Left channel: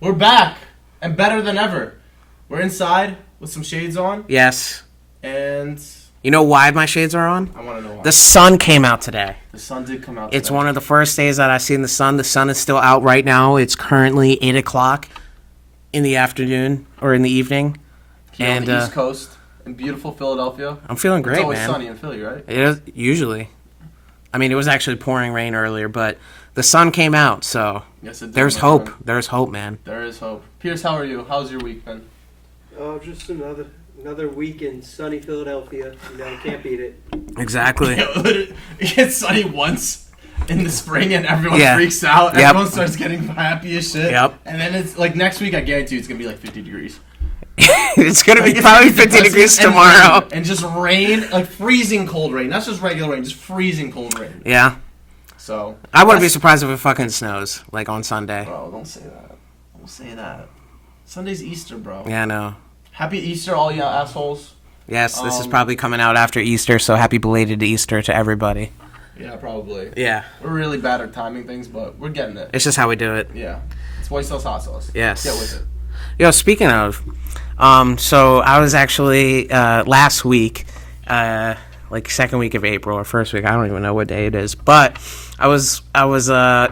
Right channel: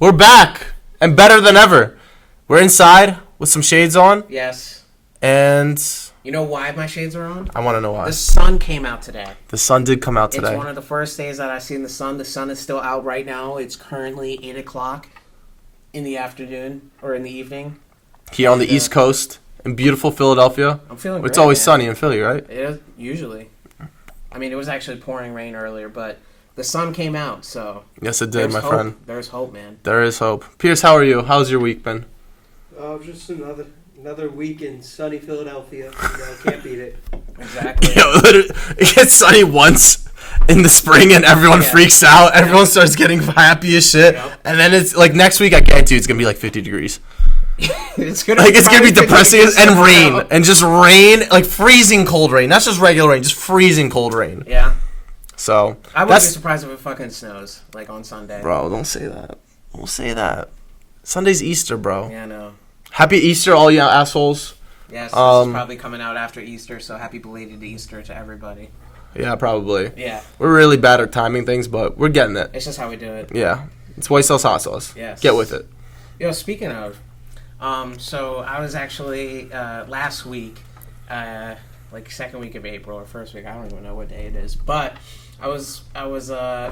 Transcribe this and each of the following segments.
We're back and better than ever. We're inside with some shades on. Yes. And you know why my shades are on? I want to know why. The sun came out today. The sun did come out today. It's one of the first days that I've seen the sun. The sun is still out right now. It's currently 8 o'clock in the afternoon or in the evening. Here on the East Coast in beautiful Philadelphia. I'm feeling great, It's always man. sunny in Philly, right? It is, usually. I mean, it was actually pouring rain earlier, but the sun came out, so yes, it did. There's my hope. friend. There's hope, man. There is hope. Pierce, how are you? How's your week been? Oh, just another week in sunny Philadelphia. Can't beat it. Exactly. It gets sunny once in the spring and everyone freaks out. Yep. Everyone starts getting happy as shit. Yep. And then it's like next week, I guarantee you it's going to be like 50 degrees. It's gonna be depressing and tomorrow. rain. And just rain, like freezing cold rain. That's just regular rain, just freezing cold rain. Yeah. So I wouldn't be surprised if it fucking snows, like on Sunday. Bro, don't say that. Don't say that. Sunday's Easter, bro. Yeah, I know. Happy Easter, all you assholes. Yes, this is probably coming out after Easter, so happy belated Easter to everybody. Yeah, probably. Yeah. We're really bad at timing things, but we're getting it. It's just how we do it. Yeah. It's white sauce, hot sauce. Yes. Get with it. Yo, speaking of, so I was actually, last week, like second week of April or first week, I don't even know what day it is, but I was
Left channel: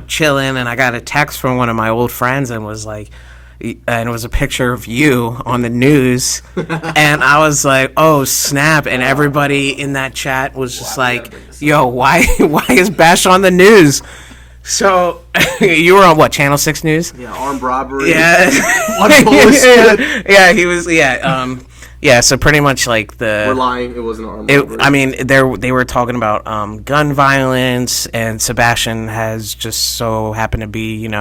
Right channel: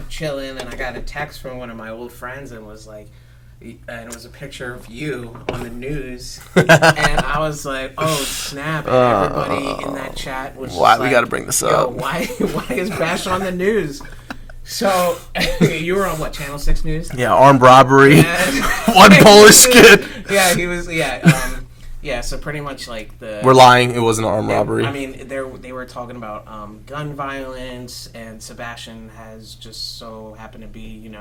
chilling and I got a text from one of my old friends and was like, and it was a picture of you on the news, and I was like, "Oh snap!" And everybody in that chat was just like, gotta bring this "Yo, up? why is Bash on the news?" So you were on what, Channel 6 News? Yeah, armed robbery. Yeah, One Polish kid. Yeah, he was. Yeah, yeah. So pretty much like We're lying. It wasn't an armed robbery. I mean, they were talking about gun violence, and Sebastian has just so happened to be,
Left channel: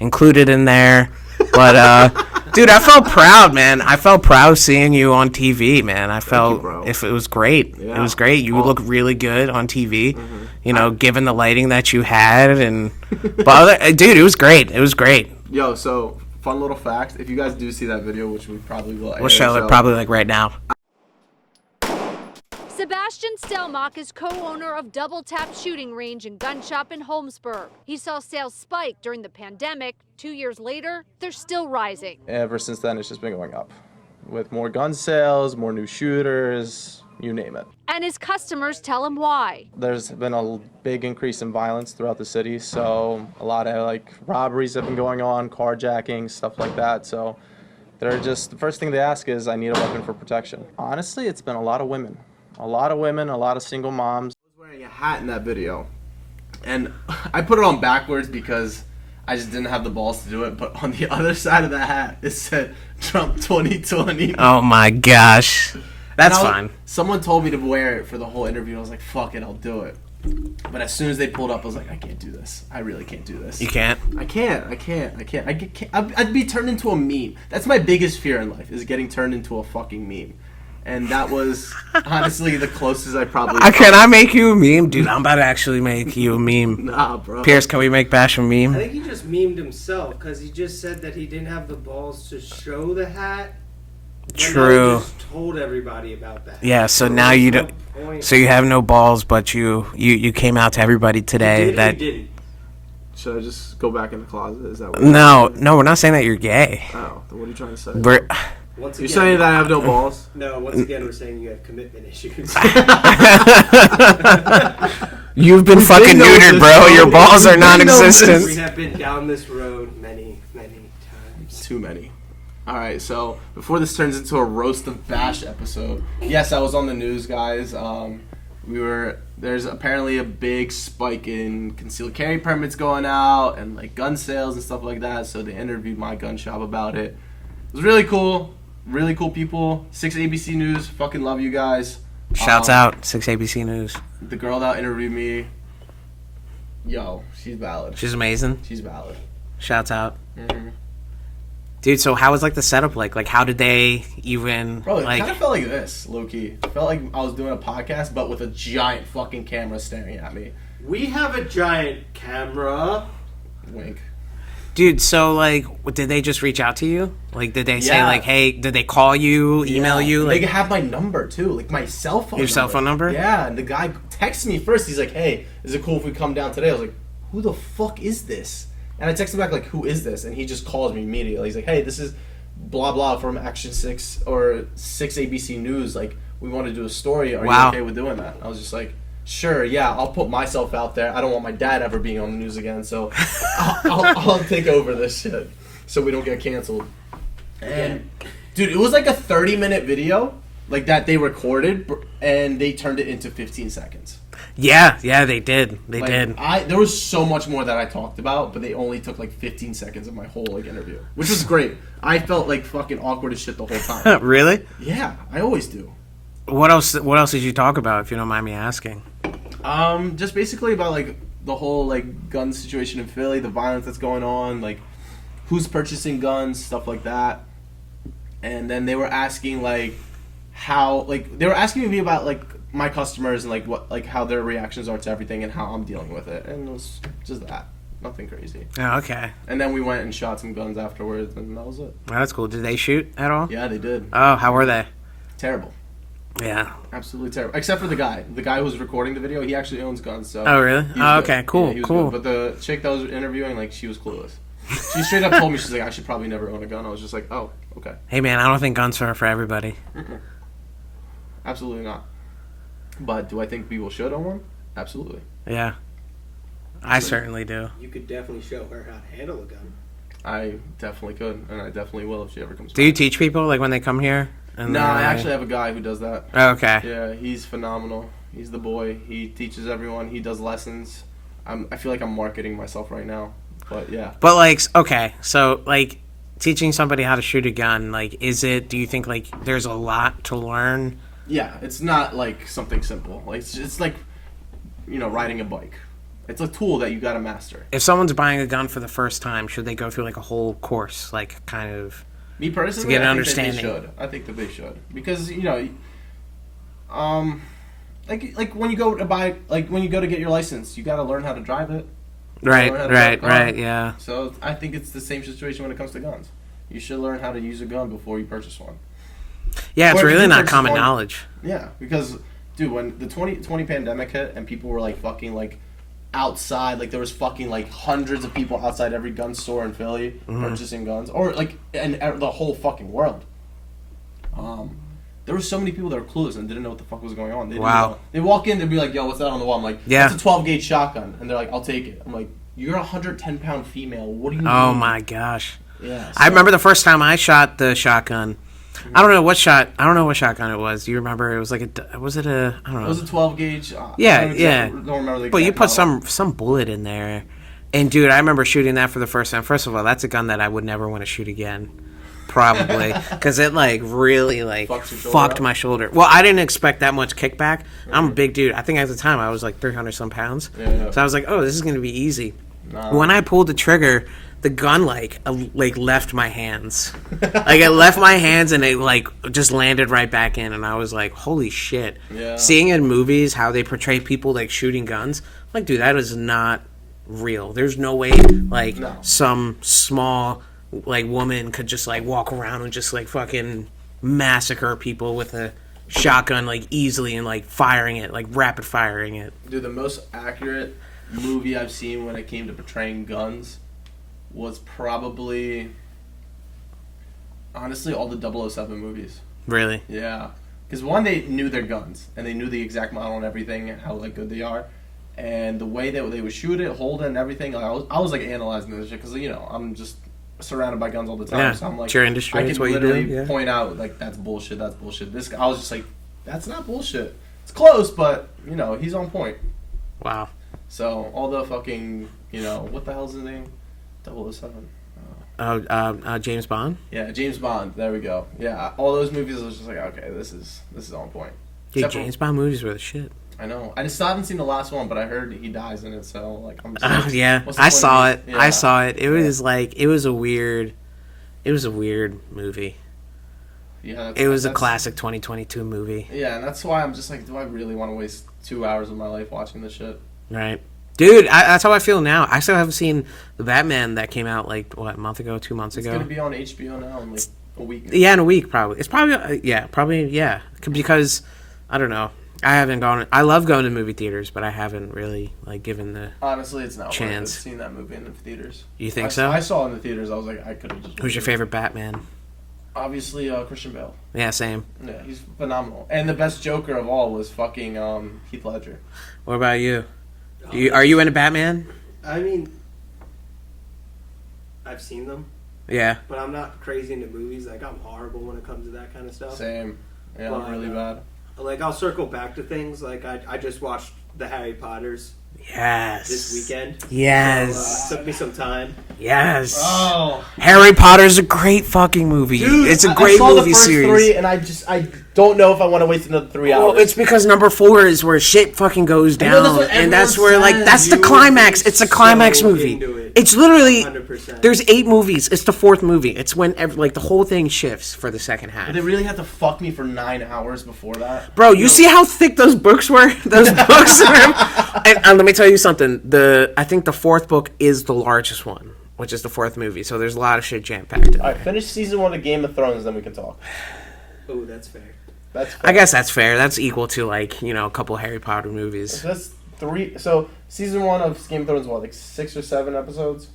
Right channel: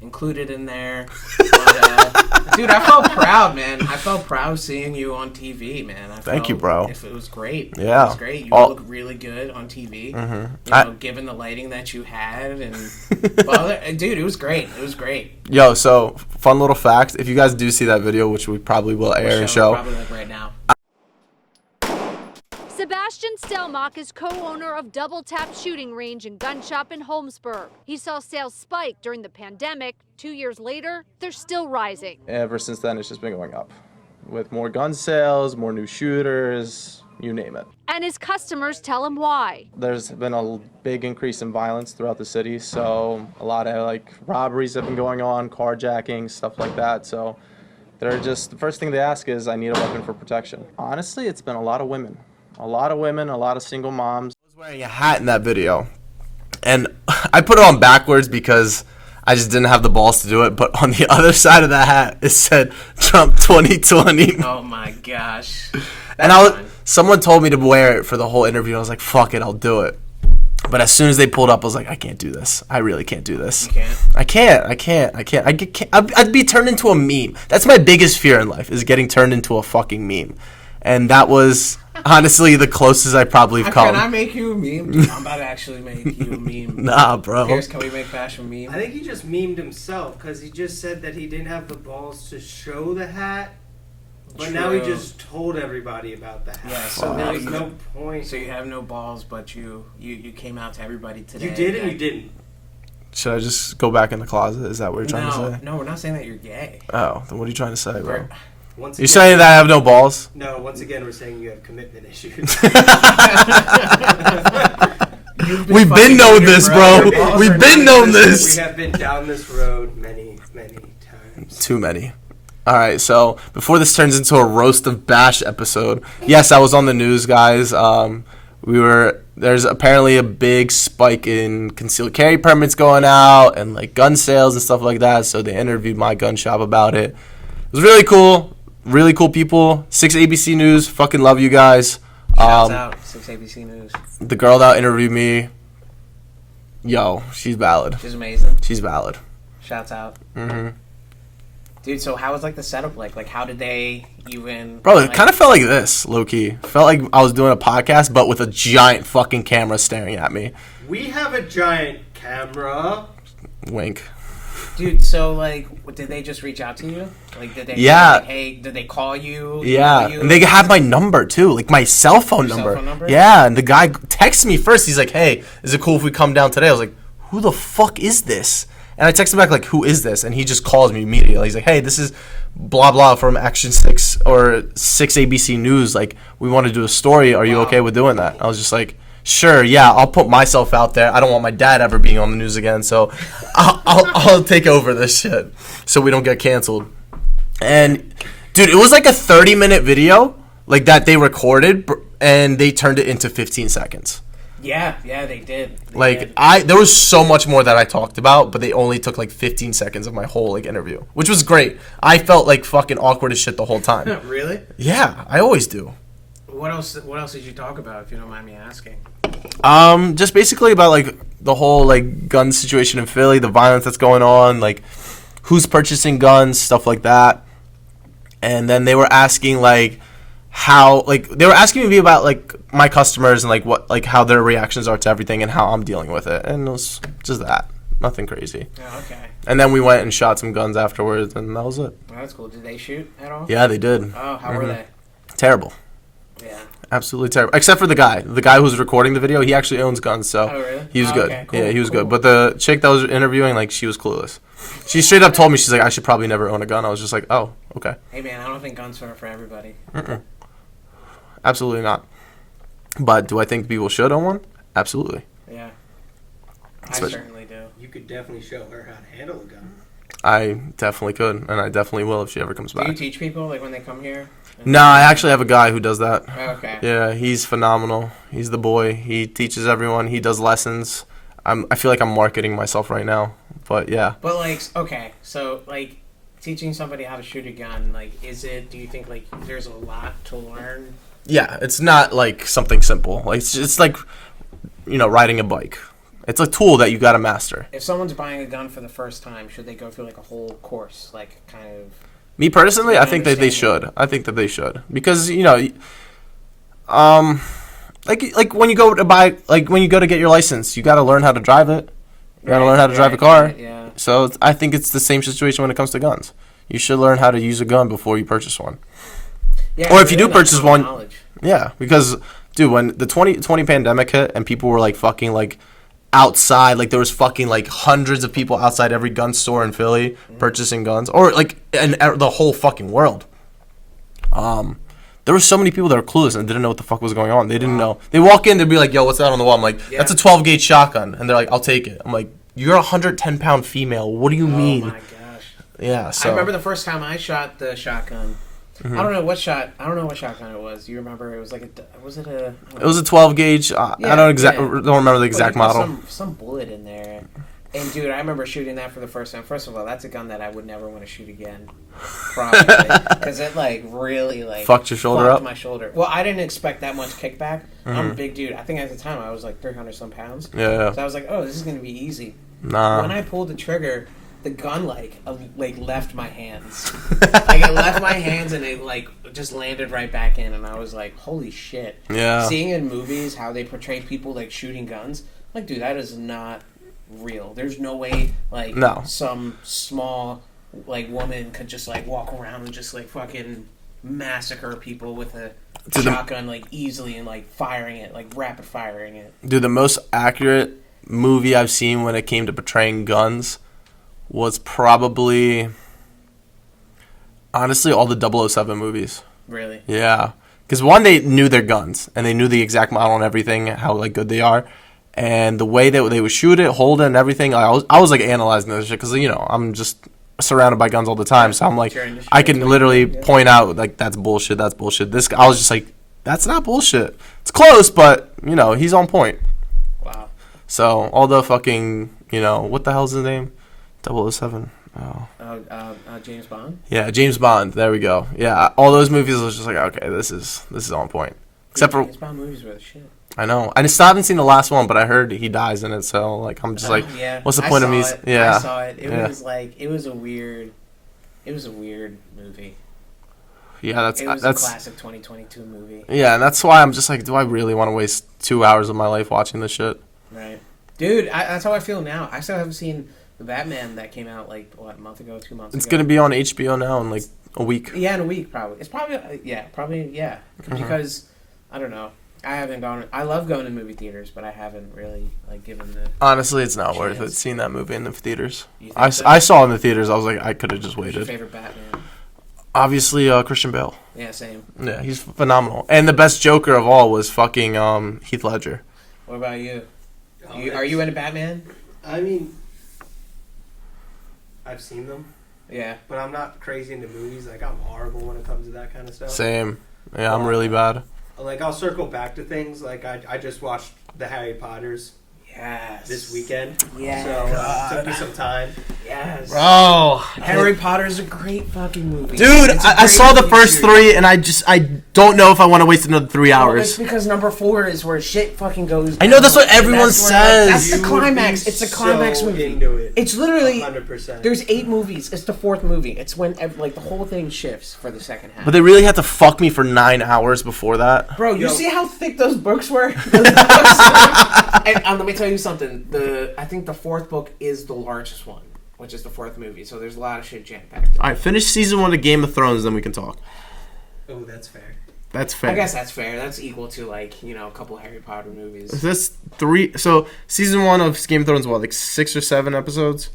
included in there. But dude, I felt proud, man. I felt proud seeing you on TV, man. Thank you, bro. It was great. Yeah. It was great. You look really good on TV. Mm-hmm. Given the lighting that you had, dude, it was great. It was great. Yo, so fun little fact: if you guys do see that video, which we probably will air, probably like right now. Sebastian Stelmach is co-owner of Double Tap Shooting Range and Gun Shop in Holmesburg. He saw sales spike during the pandemic. 2 years later, they're still rising. Ever since then, it's just been going up. With more gun sales, more new shooters, you name it. And his customers tell him why. There's been a big increase in violence throughout the city, so a lot of robberies have been going on, carjacking, stuff like that. So they're just, the first thing they ask is, I need a weapon for protection. Honestly, it's been a lot of women. A lot of single moms. I was wearing a hat in that video, and I put it on backwards because I just didn't have the balls to do it. But on the other side of the hat, it said Trump 2020. Oh my gosh. That's fine. Someone told me to wear it for the whole interview. I was like, fuck it, I'll do it. But as soon as they pulled up, I was like, I can't do this. I really can't do this. You can't? I can't. I'd be turned into a meme. That's my biggest fear in life, is getting turned into a fucking meme. And that was honestly the closest I probably come. Can I make you a meme? Dude, I'm about to actually make you a meme. Nah, bro. Pierce, can we make Bash a meme? I think he just memed himself because he just said that he didn't have the balls to show the hat. But True. Now he just told everybody about that. Yeah, so now you no don't. point. So you have no balls, but you came out to everybody today. He did or he didn't? Should I just go back in the closet? Is that what you're trying to say? No, we're not saying that you're gay. Oh, then what are you trying to say? Once You're saying that I have no balls? No, once again, we're saying you have commitment issues. You've been We've fucking been neutered, this, bro. Your balls We've are been non-existent. We have been down this road many, many times. Too many. All right, so before this turns into a roast of Bash episode, yes, I was on the news, guys. There's apparently a big spike in concealed carry permits going out and gun sales and stuff like that. So they interviewed my gun shop about it. It was really cool. Really cool people. 6 ABC News. Fucking love you guys. Shouts out 6 ABC News. The girl that interviewed me, yo, she's valid. She's amazing. She's valid. Shouts out. Mm-hmm. Dude, so how was the setup like? Like, how did they even? Bro, it kind of felt like this, low key. Felt like I was doing a podcast, but with a giant fucking camera staring at me. We have a giant camera. Wink. Dude, so did they just reach out to you? Did they say hey, did they call you, email you? They have my number too, my cell phone number. Your cell phone number? Yeah, and the guy texted me first. He's like, "Hey, is it cool if we come down today?" I was like, "Who the fuck is this?" And I text him back like, who is this? And he just calls me immediately. He's like, hey, this is blah blah from Action 6 or 6 ABC News. Like, we want to do a story. Are you Wow. okay with doing that? I was just like, sure, yeah, I'll put myself out there. I don't want my dad ever being on the news again, so I'll take over this shit so we don't get canceled. And dude, it was like a 30-minute video like that they recorded, and they turned it into 15 seconds. Yeah, they did. They did. There was so much more that I talked about, but they only took like 15 seconds of my whole like interview, which was great. I felt like fucking awkward as shit the whole time. Really? Yeah, I always do. What else did you talk about, if you don't mind me asking? Just basically about like the whole like gun situation in Philly, the violence that's going on, like who's purchasing guns, stuff like that. And then they were asking like how, like they were asking me about like my customers and like what, like how their reactions are to everything and how I'm dealing with it. And it was just that, nothing crazy. Oh, okay. And then we went and shot some guns afterwards, and that was it. Well, that's cool. Did they shoot at all? Yeah, they did. Oh, how were they? Terrible. Yeah. Absolutely terrible. Except for the guy who was recording the video. He actually owns guns, so Oh, really? he was Oh, good. okay, cool, Yeah, he was cool. good. But the chick that was interviewing, like, she was clueless. She straight up told me, she's like, I should probably never own a gun. I was just like, oh, okay. Hey, man, I don't think guns are for everybody. Absolutely not. But do I think people should own one? Absolutely. Yeah. I certainly do. You could definitely show her how to handle a gun. I definitely could, and I definitely will if she ever comes Do back. you teach people, like, when they come here? No, I actually have a guy who does that. Oh, okay. Yeah, he's phenomenal. He's the boy. He teaches everyone. He does lessons. I feel like I'm marketing myself right now, but yeah. But, like, okay, so, like, teaching somebody how to shoot a gun, like, do you think, like, there's a lot to learn? Yeah, it's not like something simple. Like it's like, riding a bike. It's a tool that you got to master. If someone's buying a gun for the first time, should they go through, like, a whole course, like, kind of... Me personally, To get I think that they understanding. should. I think that they should because like when you go to buy, like when you go to get your license, you got to learn how to drive it. You got to learn how to drive a car. Right, yeah. So I think it's the same situation when it comes to guns. You should learn how to use a gun before you purchase one. Yeah, Or it's if you really do not purchase common one- knowledge. Yeah, because dude, when the 2020 pandemic hit and people were like fucking like outside, like there was fucking like hundreds of people outside every gun store in Philly purchasing guns, or like in the whole fucking world. There were so many people that were clueless and didn't know what the fuck was going on. They didn't Wow. know. They walk in, they'd be like, "Yo, what's that on the wall?" I'm like, Yeah. "That's a 12 gauge shotgun," and they're like, "I'll take it." I'm like, "You're a 110-pound female. What do you mean?" Oh, my gosh. Yeah. I remember the first time I shot the shotgun. I don't know what shotgun it was. Do you remember? It was like I don't know. It was a 12 gauge. Yeah, I don't remember the Well, you exact put model. some bullet in there, and dude, I remember shooting that for the first time. First of all, that's a gun that I would never want to shoot again, probably, because it like really like Fucked your shoulder up? my shoulder. Well, I didn't expect that much kickback. I'm a big dude. I think at the time I was like 300 some pounds. Yeah. So I was like, oh, this is gonna be easy. Nah. When I pulled the trigger, the gun like left my hands. Like it left my hands and it like just landed right back in, and I was like, holy shit. Yeah. Seeing in movies how they portray people like shooting guns, I'm like, dude, that is not real. There's no way like No. some small like woman could just like walk around and just like fucking massacre people with a shotgun like easily and like firing it, like rapid firing it. Dude, the most accurate movie I've seen when it came to portraying guns was probably, honestly, all the 007 movies. Really? Yeah. Because one, they knew their guns, and they knew the exact model and everything, how, like, good they are. And the way that they would shoot it, hold it, and everything, I was like, analyzing this shit, because, I'm just surrounded by guns all the time, Yeah, so I'm like, it's your industry, I it's can what you literally do, yeah. point out, like, that's bullshit. This guy, I was just like, that's not bullshit. It's close, but, he's on point. Wow. So, all the fucking, what the hell's his name? 007. Oh. James Bond? Yeah, James Bond. There we go. Yeah, all those movies I was just like, okay, this is on point. Dude, Except James Bond movies were the shit. I know. I still haven't seen the last one, but I heard he dies in it, so like I'm just like, Yeah, what's the I point saw of it. these? Yeah. I saw it. It Yeah. was like it was a weird movie. Yeah, It was a classic 2022 movie, Yeah, and that's why I'm just like, do I really want to waste 2 hours of my life watching this shit? right? Dude, that's how I feel now. I still haven't seen the Batman that came out like what, a month ago, 2 months It's ago. gonna be on HBO now in like a week. Yeah, in a week probably. It's probably yeah, because I don't know. I haven't gone. I love going to movie theaters, but I haven't really like given the. Honestly, it's not worth it Chance. seeing that movie in the theaters. You think so? I saw it in the theaters. I was like, I could have just waited. Who's your favorite Batman? Obviously, Christian Bale. Yeah, same. Yeah, he's phenomenal. And the best Joker of all was fucking Heath Ledger. What about you? Are you into Batman? I mean, I've seen them, Yeah. but I'm not crazy into movies. Like, I'm horrible when it comes to that kind of stuff. Same. Yeah, I'm really bad. Like, I'll circle back to things. Like, I just watched the Harry Potters Yes. this weekend. Yes. So, took me some time. Yes. Oh, Harry Potter's a great fucking movie. dude! It's a I great saw the movie first series. 3, and I don't know if I want to waste another 3 Well, hours. it's because number 4 is where shit fucking goes down. I know, that's what and everyone that's where, like, says. that's the You climax. would be It's a climax so movie. into it. It's literally 100%. there's 8 movies. It's the 4th movie. It's when like the whole thing shifts for the second half. But they really had to fuck me for 9 hours before that. Bro, you see how thick those books were? Those books. And let me tell you something. I think the 4th book is the largest one, which is the 4th movie. So there's a lot of shit jam packed. All right, finish season 1 of Game of Thrones, then we can talk. Oh, that's fair. That's fair. I guess that's fair. That's equal to like a couple Harry Potter movies. That's 3. So season 1 of Game of Thrones, what, like 6 or 7 episodes?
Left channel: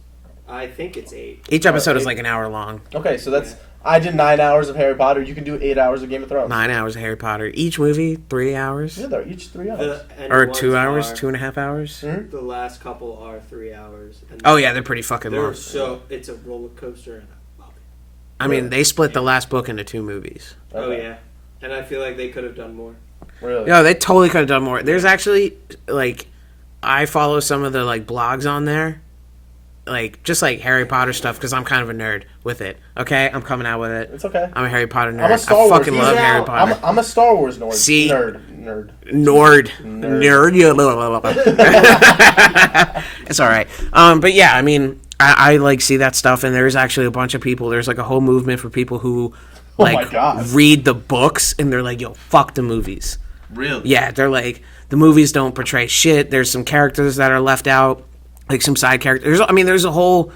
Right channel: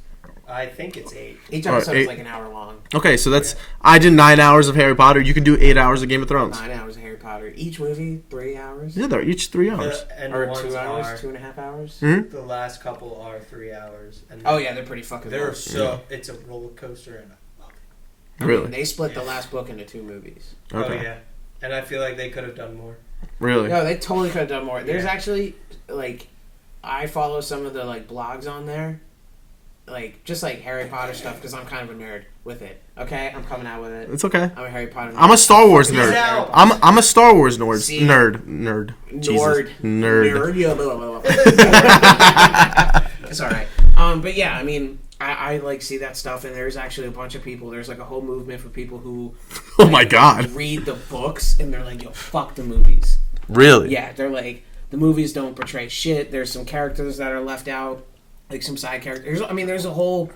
I think it's 8. Each episode is 8. like an hour long. Okay, so that's I did 9 hours of Harry Potter. You can do 8 hours of Game of Thrones. 9 hours of Harry Potter. Each movie 3 hours. Yeah, they're each 3 hours. The end Or ones 2 hours, are- 2.5 hours. The last couple are 3 hours. And Oh yeah, they're pretty fucking they're long. so it's a roller coaster, and I love it. I mean, they split the last book into 2 movies. Okay. Oh yeah, and I feel like they could have done more. Really? No, they totally could have done more. There's actually like, I follow some of the like blogs on there, like just like Harry Potter stuff because I'm kind of a nerd with it. Okay, I'm coming out with it. It's okay. I'm a Harry Potter nerd. I'm a Star I Wars fucking nerd. love Harry I'm- Potter. I'm a Star Wars nerd. See? Nerd. Nerd. Jesus. Nerd. Yeah, blah, blah, blah. It's all right. But yeah, I mean, I like see that stuff, and there's actually a bunch of people. There's like a whole movement for people who, Oh like, my God. read the books, and they're like, yo, fuck the movies. Really? Yeah, they're like, the movies don't portray shit. There's some characters that are left out, like some side characters. I mean, there's a whole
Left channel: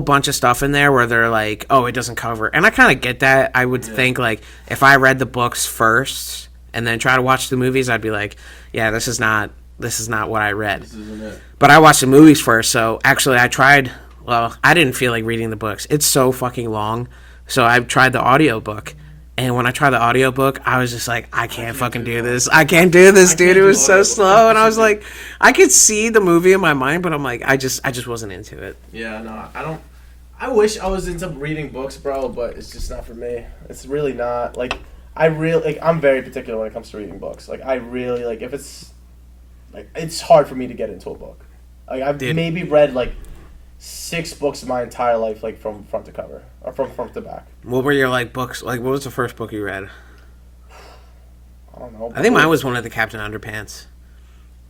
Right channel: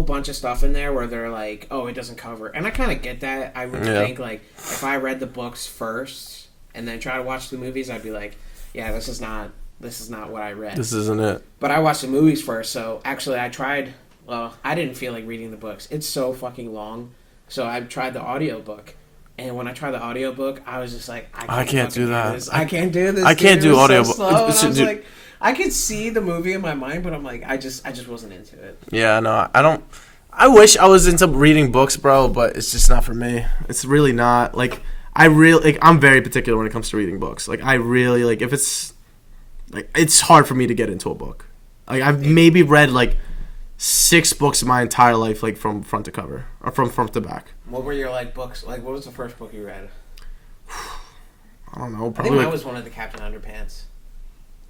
bunch of stuff in there where they're like, oh, it doesn't cover. And I kind of get that. I would think like if I read the books first and then try to watch the movies, I'd be like, yeah, this is not what I read. This isn't it. But I watched the movies first, so actually I tried. Well, I didn't feel like reading the books. It's so fucking long. So I tried the audiobook. And when I tried the audiobook, I was just like, I can't fucking do do that. this. I can't do this, I dude. can't It do was so audiobook. slow. And I was Dude. like, I could see the movie in my mind, but I'm like, I just wasn't into it. Yeah, no, I don't. I wish I was into reading books, bro, but it's just not for me. It's really not. Like, I'm very particular when it comes to reading books. Like, I really, like, if it's, like, it's hard for me to get into a book. Like, I've maybe read, like, 6 books in my entire life, like, from front to cover, or from front to back. What were your, like, books? Like, what was the first book you read? I don't know. I think mine was one of the Captain Underpants.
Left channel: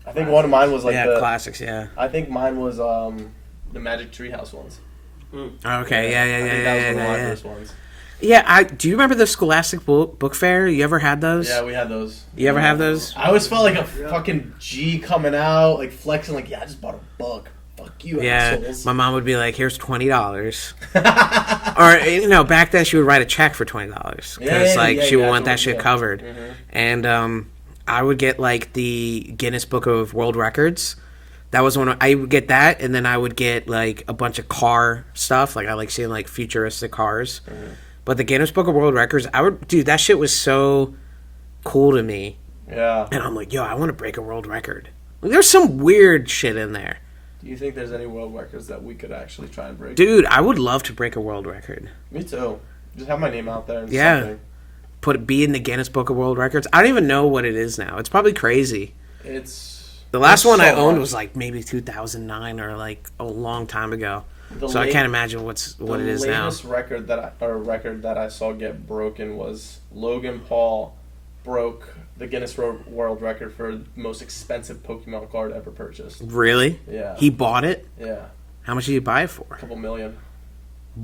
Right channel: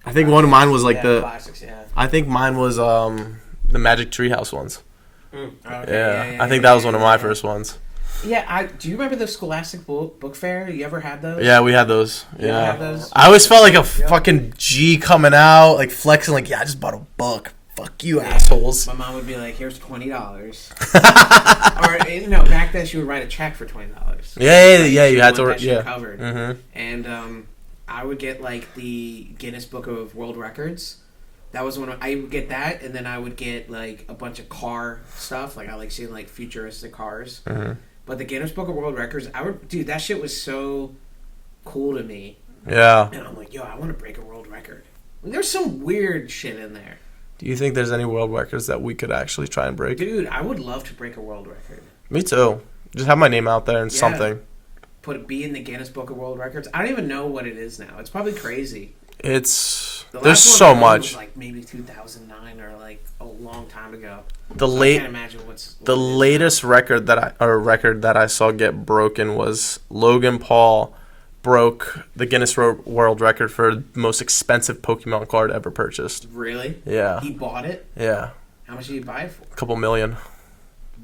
I think one of mine was, like, Yeah, classics, yeah. I think mine was, the Magic Treehouse ones. Okay, yeah. I think that was one of my first ones. Yeah, do you remember the Scholastic book Fair? You ever had those? Yeah, we had those. You ever have those? I always felt like a fucking G coming out, like flexing, like, yeah, I just bought a book. Fuck you, assholes. My mom would be like, "Here's $20," or back then she would write a check for $20. Yeah, She you would had want to- that shit yeah. covered. Mm-hmm. And I would get like the Guinness Book of World Records. That was one. I would get that, and then I would get like a bunch of car stuff. Like I like seeing like futuristic cars. Mm-hmm. But the Guinness Book of World Records, dude, that shit was so cool to me. Yeah. And I'm like, yo, I want to break a world record. There's some weird shit in there. Do you think there's any world records that we could actually try and break? Dude, I would love to break a world record. Me too. Just have my name out there and Yeah. something. Be in the Guinness Book of World Records. I don't even know what it is now. It's probably crazy. It's The last there's one I so owned much. was like maybe 2009 or like a long time ago. The So late- I can't imagine what The it is latest now. record that I saw get broken was Logan Paul broke the Guinness World Record for the most expensive Pokemon card ever purchased. Really? Yeah. He bought it? Yeah. How much did you buy it for? A couple million.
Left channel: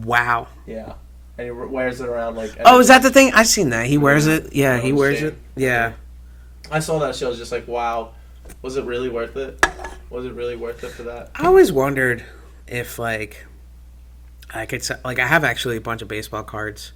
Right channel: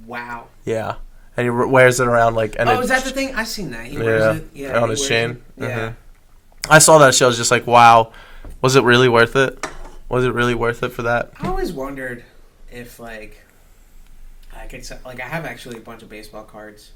Wow. Yeah. And he wears it around like. And Oh, it's- is that the thing? I've seen that. He wears Yeah. it. Yeah, On he his wears chain. it. Yeah. I saw that show. I was just like, wow. Was it really worth it? Was it really worth it for that? I always wondered if like I could I have actually a bunch of baseball cards.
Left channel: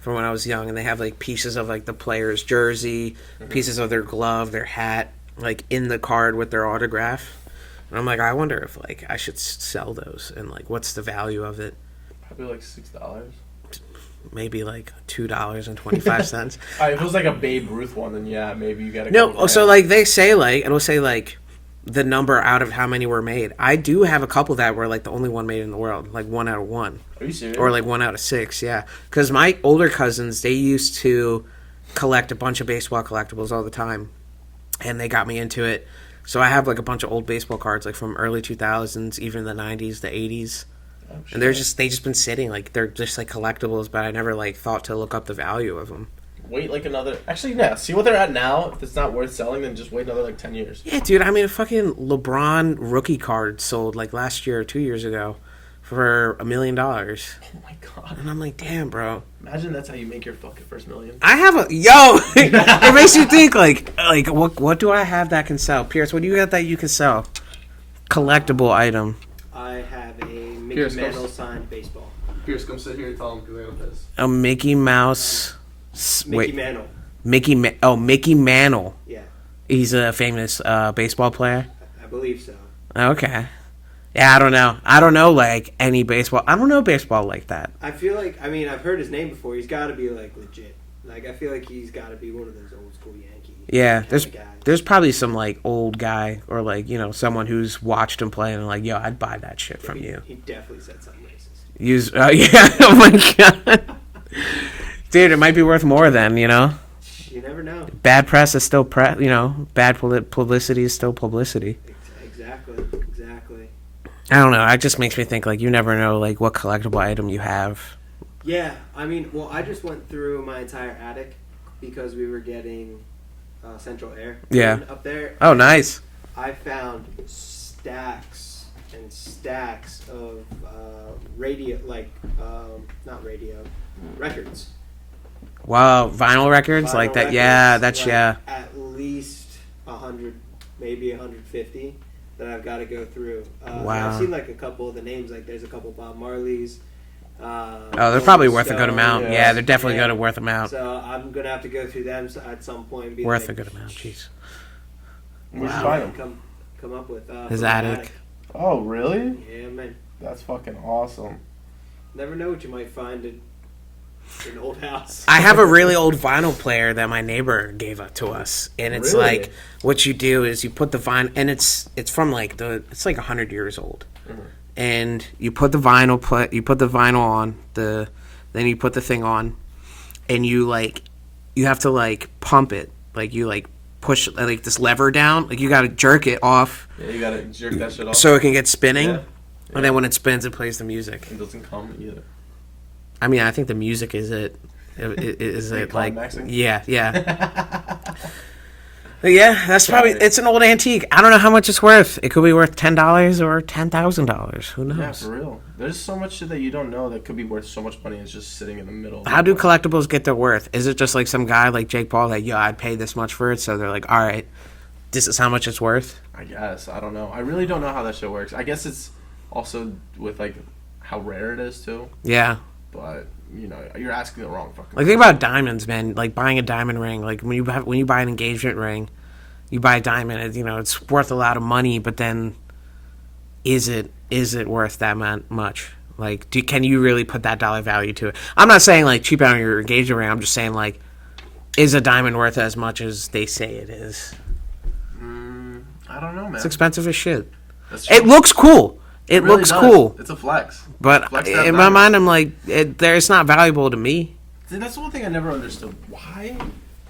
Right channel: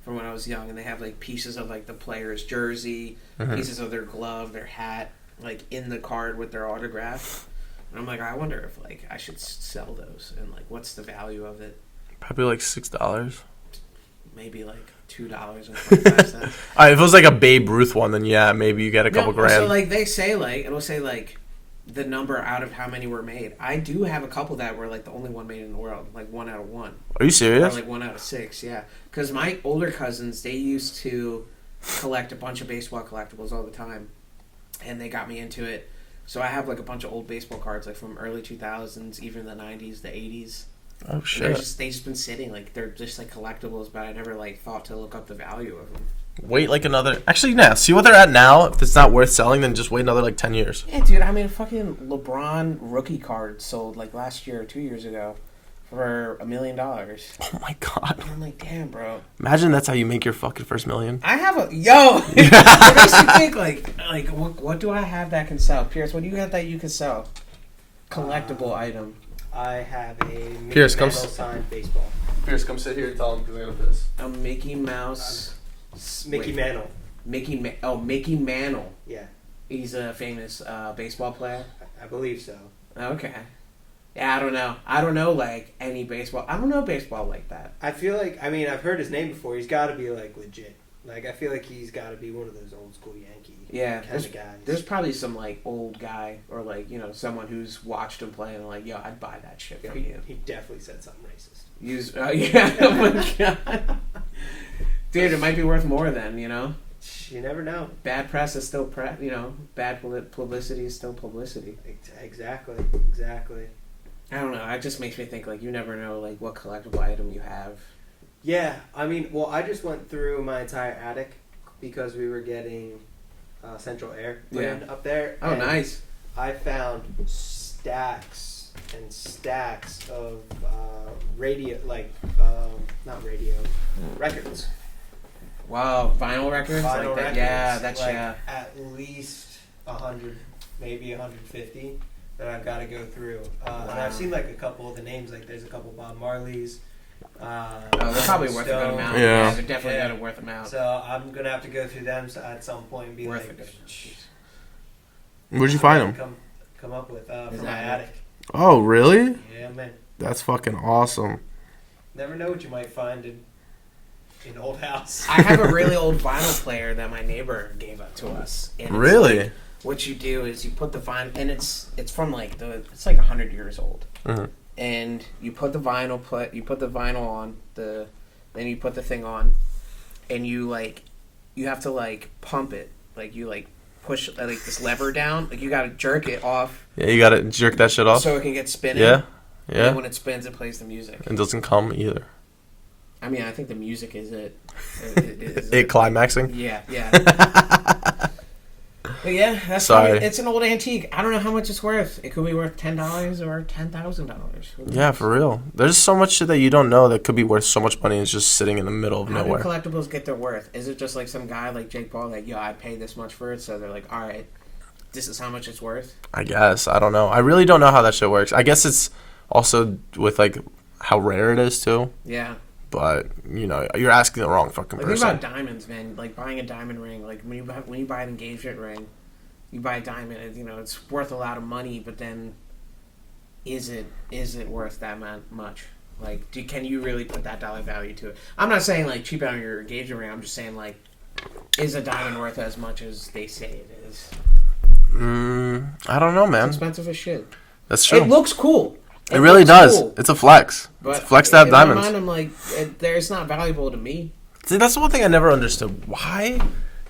from when I was young, and they have like pieces of like the player's jersey, pieces of their glove, their hat, like in the card with their autograph. And I'm like, I wonder if like I should sell those, and like what's the value of it? Probably like $6. Maybe like $2.25. All right, if it was like a Babe Ruth one, then yeah, maybe you get a couple No, grand. so like they say like, and we'll say like the number out of how many were made. I do have a couple that were like the only one made in the world, like 1 out of 1. Are you serious? Or like 1 out of 6, yeah. Because my older cousins, they used to collect a bunch of baseball collectibles all the time, and they got me into it. So I have like a bunch of old baseball cards, like from early 2000s, even the 90s, the 80s. Oh shit. And they just been sitting like they're just like collectibles, but I never like thought to look up the value of them. Wait like another. Actually, yeah. See what they're at now. If it's not worth selling, then just wait another like 10 years. Yeah, dude. I mean, a fucking LeBron rookie card sold like last year or 2 years ago for $1 million. And Oh my god. I'm like, damn, bro. Imagine that's how you make your fucking first million. I have a it makes you think like what do I have that can sell? Pierce, what do you got that you can sell? Collectible item. I have a Mickey Pierce, Mantle come signed baseball. Pierce, come sit here and tell him because I got this. A Mickey Mouse. Mickey Mantle. Mickey Mantle. Yeah, He's a famous baseball player. I believe so. Okay. Yeah, I don't know. I don't know like any baseball. I don't know baseball like that. I feel like, I mean, I've heard his name before. He's got to be like legit. Like, I feel like he's got to be one of those old school Yankee Yeah, kind of guys. there's probably some like old guy or like someone who's watched him play and like, yo, I'd buy that shit from you. He definitely said something racist. Use yeah. Oh my god, dude, it might be worth more then. You never know. Bad press is still press. Bad publicity is still publicity. Exactly. I don't know. It just makes me think like you never know like what collectible item you have. Yeah, I mean, well, I just went through my entire attic because we were getting central air up there. Oh, nice. I found stacks and stacks of records. Wow, vinyl records Vinyl like that. records, Yeah, that's like, yeah. At least 100, maybe 150 that I've got to go through. And Wow. I've seen like a couple of the names. Like there's a couple Bob Marleys. Oh, they're probably worth a good amount. Yeah. Yeah, they're definitely going to worth amount. So I'm gonna have to go through them at some point. And be Worth like, a good amount. Jeez. Where'd you find them? Come up with His from my attic. Oh, really? Yeah, man. That's fucking awesome. Never know what you might find in an old house. I have a really old vinyl player that my neighbor gave up to us, and it's Really? like what you do is you put the vinyl, and it's from like it's like 100 years old, and you put the vinyl on then you put the thing on, and you have to like pump it, like you like push like this lever down, like you got to jerk it off Yeah, you gotta jerk that shit off. so it can get spinning, yeah. and then when it spins, it plays the music. It doesn't come either. I mean, I think the music is it. Is It climaxing? Like, yeah. But yeah, that's Sorry. probably, it's an old antique. I don't know how much it's worth. It could be worth $10 or $10,000. Who knows? Yeah, for real. There's so much shit that you don't know that could be worth so much money. And it's just sitting in the middle of How do nowhere. collectibles get their worth? Is it just like some guy like Jake Paul that, yo, I'd pay this much for it, so they're like, all right, this is how much it's worth? I guess. I don't know. I really don't know how that shit works. I guess it's also with like how rare it is too. Yeah. But you're asking the wrong fucking. Like person. think about diamonds, man. Like buying a diamond ring. Like when you buy an engagement ring, you buy a diamond. It's worth a lot of money. But then, is it worth that much? Like, can you really put that dollar value to it? I'm not saying like cheap out on your engagement ring. I'm just saying like, is a diamond worth as much as they say it is? I don't know, man. It's expensive as shit. That's true. It looks cool. It really looks does. cool. It's a flex. But flex to have in my diamonds. mind, I'm like, it's not valuable to me. See, that's the one thing I never understood. Why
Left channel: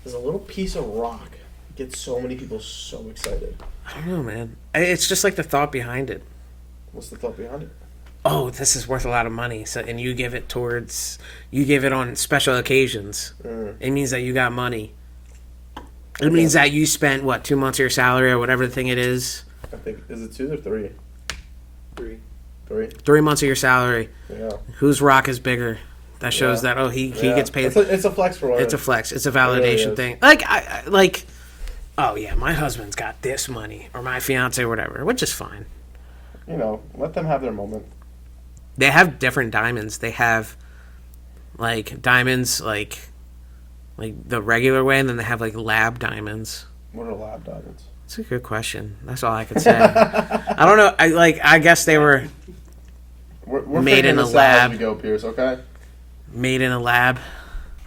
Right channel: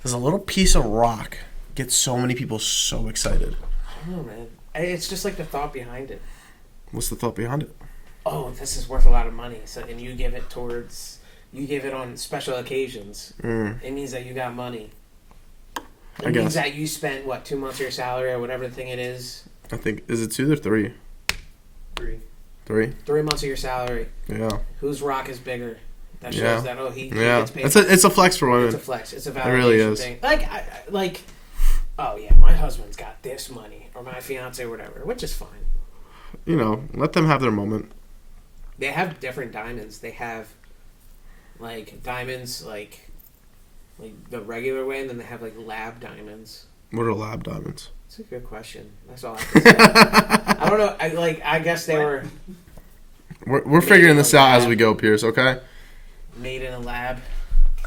does a little piece of rock get so many people so excited? I don't know, man. It's just like the thought behind it. What's the thought behind it? Oh, this is worth a lot of money. So, and you give it on special occasions. It means that you got money. It means that you spent 2 months of your salary or whatever the thing it is. I think, is it 2 or 3? 3. 3? 3 months of your salary. Yeah. Whose rock is bigger? That shows Yeah. that he Yeah. gets paid. It's a flex for women. It's a flex. It's a really validation is. thing. Like, oh yeah, my husband's got this money, or my fiance, or whatever, which is fine. Let them have their moment. They have different diamonds. They have like diamonds, like the regular way, and then they have like lab diamonds. What are lab diamonds? That's a good question. That's all I can say. I don't know. I guess they were We're Made figuring in a this out as lab. we go, Pierce. Okay. made in a lab.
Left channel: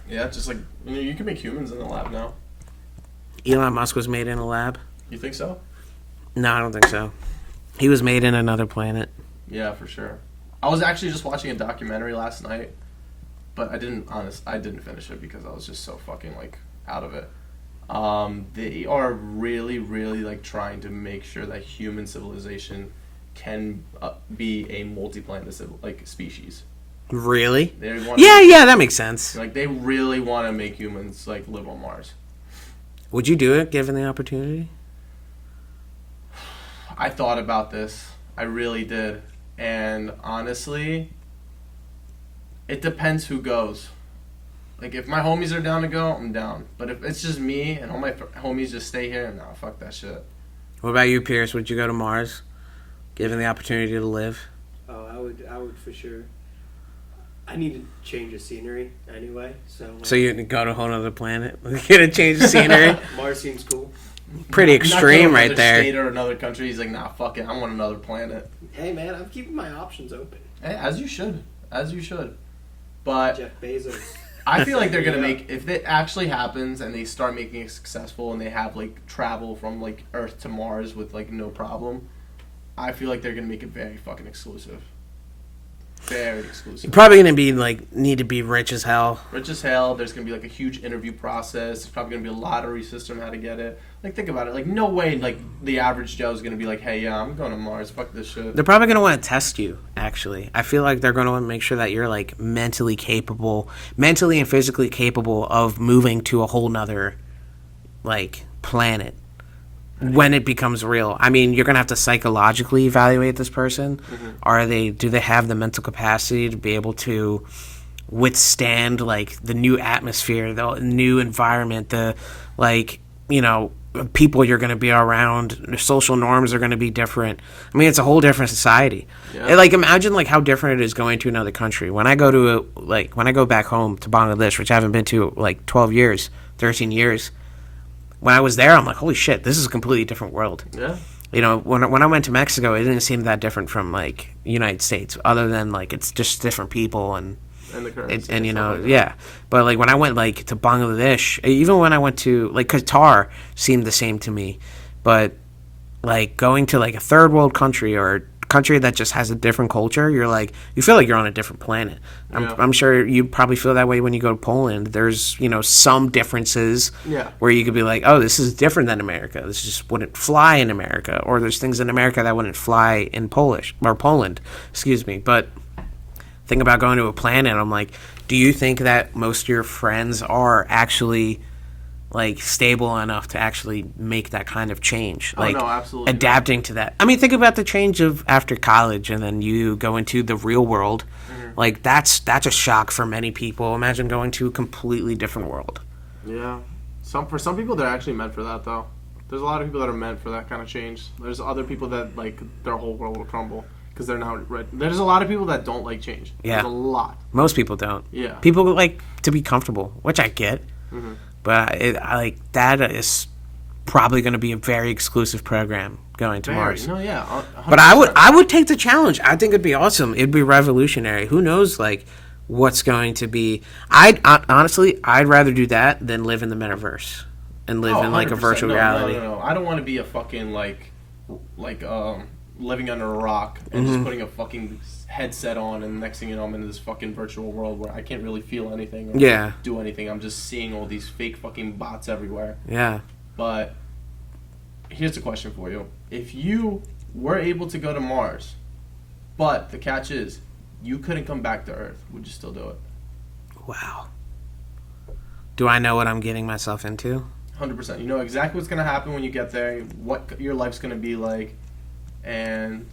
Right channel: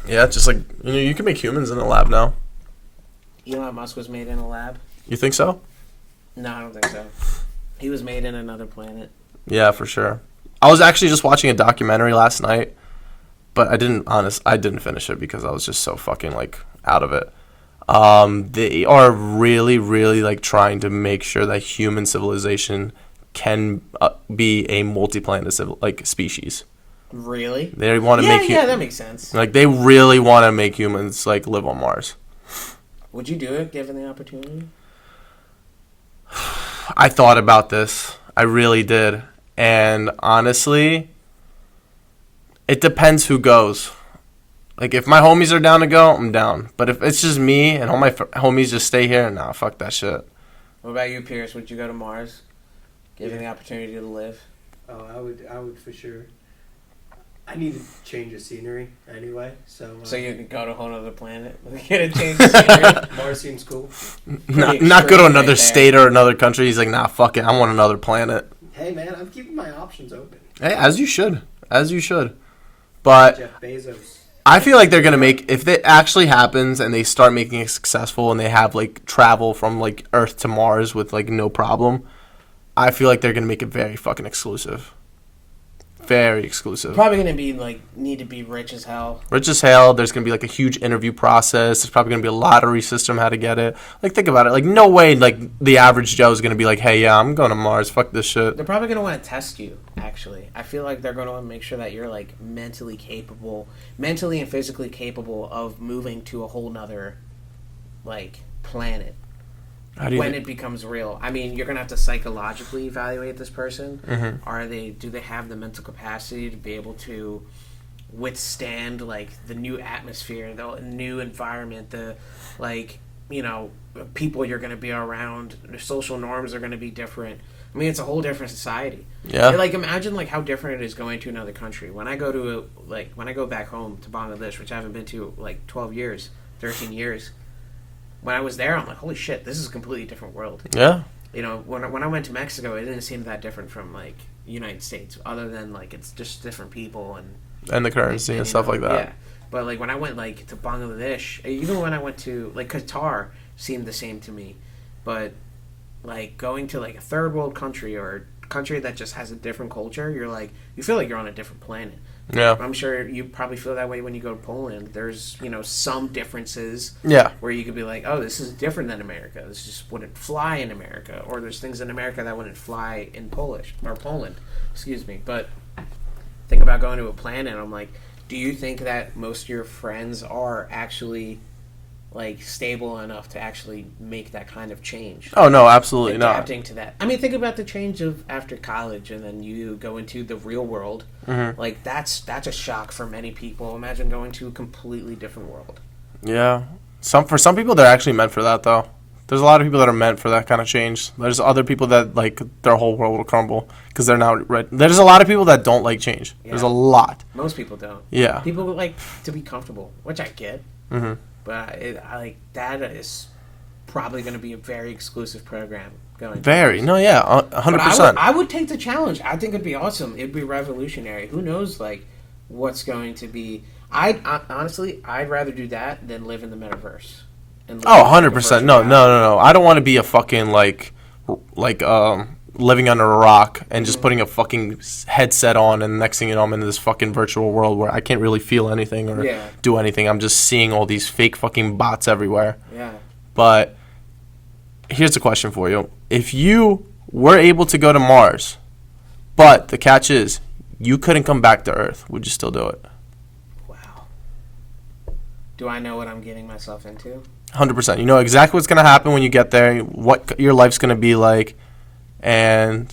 Yeah, just like you can make humans in a lab now. Elon Musk was made in a lab. You think so? No, I don't think so. He was made in another planet. Yeah, for sure. I was actually just watching a documentary last night, but I didn't finish it because I was just so fucking like out of it. They are really, really like trying to make sure that human civilization can be a multi-planet species. Really? They want to Yeah, that makes sense. like they really want to make humans like live on Mars. Would you do it given the opportunity? I thought about this. I really did. And honestly, it depends who goes. Like, if my homies are down to go, I'm down. But if it's just me and all my homies just stay here, nah, fuck that shit. What about you, Pierce? Would you go to Mars given the opportunity to live? Oh, I would for sure. I need to change the scenery anyway, so. So you go to a whole other planet? Get a change of scenery? Mars seems cool. Pretty not go to extreme another right there. state or another country. He's like, nah, fuck it. I want another planet. Hey man, I'm keeping my options open. Hey, as you should. As you should. But Jeff Bezos. I feel like they're going to make, if it actually happens and they start making it successful and they have, like, travel from, like, Earth to Mars with, like, no problem, I feel like they're going to make it very fucking exclusive. Very exclusive. Probably going to be, like, need to be rich as hell. Rich as hell. There's going to be, like, a huge interview process. There's probably going to be a lottery system how to get it. Like, think about it. Like, no way, like, the average Joe is going to be like, hey, yeah, I'm going to Mars. Fuck this shit. They're probably going to want to test you, actually. I feel like they're going to want to make sure that you're, like, mentally and physically capable of moving to a whole nother, like, planet. When it becomes real. I mean, you're going to have to psychologically evaluate this person. Mm-hmm. Do they have the mental capacity to be able to withstand, like, the new atmosphere, the new environment, the, like, you know, people you're going to be around, the social norms are going to be different. I mean, it's a whole different society. Yeah. Like, imagine, like, how different it is going to another country. When I go when I go back home to Bangladesh, which I haven't been to, like, 13 years, when I was there, I'm like, holy shit, this is a completely different world. Yeah. You know, when I went to Mexico, it didn't seem that different from, like, United States, other than, like, it's just different people and And the currency and you stuff know, like that. Yeah. But, like, when I went, like, to Bangladesh, even when I went to, like, Qatar seemed the same to me. But, like, going to, like, a third world country or a country that just has a different culture, you feel like you're on a different planet. Yeah. I'm sure you probably feel that way when you go to Poland. There's, you know, some differences Yeah. where you could be like, oh, this is different than America. This just wouldn't fly in America. Or there's things in America that wouldn't fly in Poland. Excuse me. But think about going to a planet. I'm like, do you think that most of your friends are actually, like, stable enough to actually make that kind of change? Oh, Like, no, absolutely not. adapting to that. I mean, think about the change of after college and then you go into the real world. Mm-hmm. Like, that's a shock for many people. Imagine going to a completely different world. Yeah. For some people, they're actually meant for that, though. There's a lot of people that are meant for that kind of change. There's other people that, like, their whole world will crumble because they're not right. There's a lot of people that don't like change. Yeah. There's a lot. Most people don't. Yeah. People like to be comfortable, which I get. Mm-hmm. But I like that is probably going to be a very exclusive program going to Very. Mars. No, yeah. 100%. But I would take the challenge. I think it'd be awesome. It'd be revolutionary. Who knows, like, what's going to be. Honestly, I'd rather do that than live in the metaverse. And live Oh, in, like, a 100%. virtual No. reality. I don't want to be a fucking, living under a rock and Mm-hmm. just putting a fucking headset on, and the next thing you know, I'm in this fucking virtual world where I can't really feel anything or Yeah. do anything. I'm just seeing all these fake fucking bots everywhere. Yeah. But here's a question for you. If you were able to go to Mars, but the catch is you couldn't come back to Earth, would you still do it? Wow. Do I know what I'm getting myself into? 100%. You know exactly what's going to happen when you get there, what your life's going to be like, and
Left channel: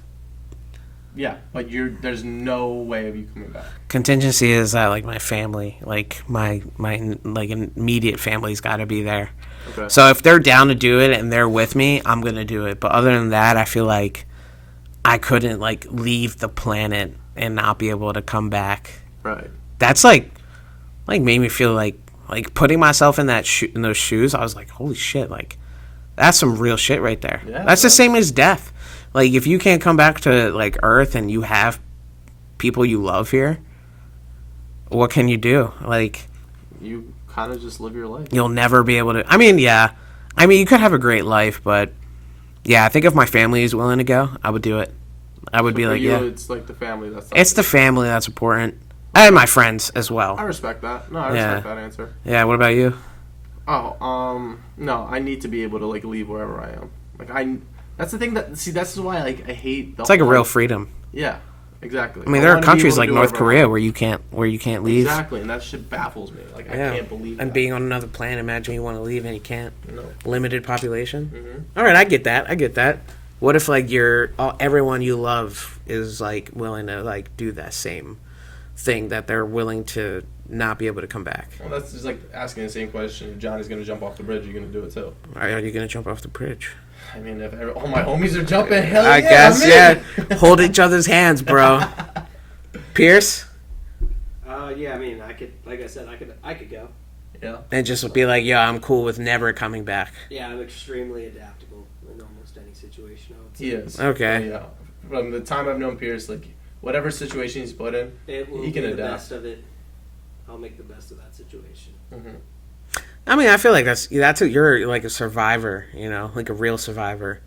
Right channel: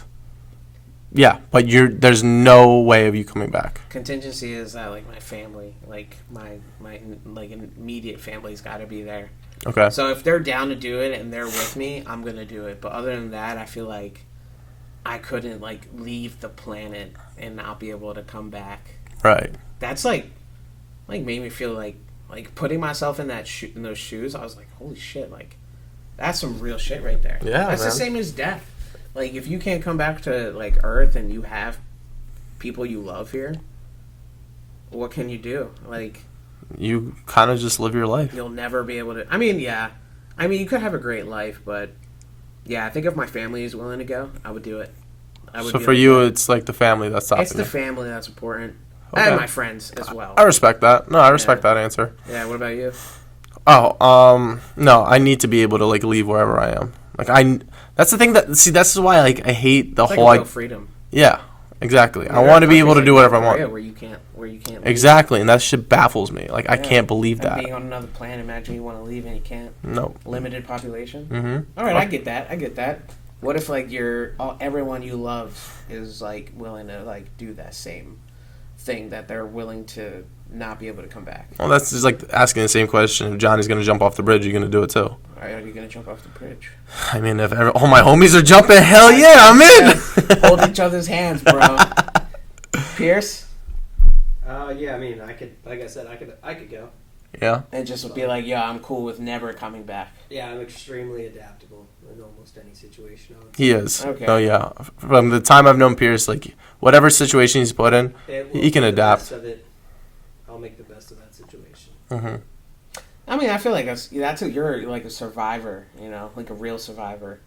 yeah, but there's no way of you coming back. Contingency is that, like, my family, like my like immediate family's got to be there. Okay. So if they're down to do it and they're with me, I'm gonna do it. But other than that, I feel like I couldn't, like, leave the planet and not be able to come back. Right. That's like like made me feel like putting myself in in those shoes. I was like, holy shit, like that's some real shit right there. Yeah, that's the man. same as death. Like if you can't come back to like Earth and you have people you love here, what can you do? Like You kind of just live your life. you'll never be able to. I mean, yeah. I mean, you could have a great life, but yeah, I think if my family is willing to go, I would do it. I would So be for like, you, yeah. it's like the family that's It's the stopping family that's important, and my friends as well. you. I respect that. No, I respect Yeah. that answer. Yeah. What about you? Oh, no, I need to be able to like leave wherever I am. That's the thing that's why like I hate the It's like whole a real freedom. yeah, exactly. I mean, I there are want to be able countries to like do North whatever I Korea want. where you can't leave. Exactly, and that shit baffles me. Like I Yeah. can't believe And that. being on another planet, imagine you want to leave and you can't. No. Limited population. Mm-hmm. All right, I get that. What if like everyone you love is like willing to like do that same thing that they're willing to not be able to come back? Well, that's just like asking the same question. If Johnny's gonna jump off the bridge, you're gonna do it too. Are you gonna jump off the bridge? I mean, if all my homies are jumping, hell I yeah, guess, I'm in. yeah. Hold each other's hands, bro. Pierce, Yeah, I mean, I could, like I said, I could go. Yeah. and just be like, yo, I'm cool with never coming back. Yeah, I'm extremely adaptable in almost any situation. I would say. He is. Okay. Oh yeah. From the time I've known Pierce, like whatever situation he's put in, It will he can be the adapt. best of it. I'll make the best of that situation. I mean, I feel like you're like a survivor, you know, like a real survivor.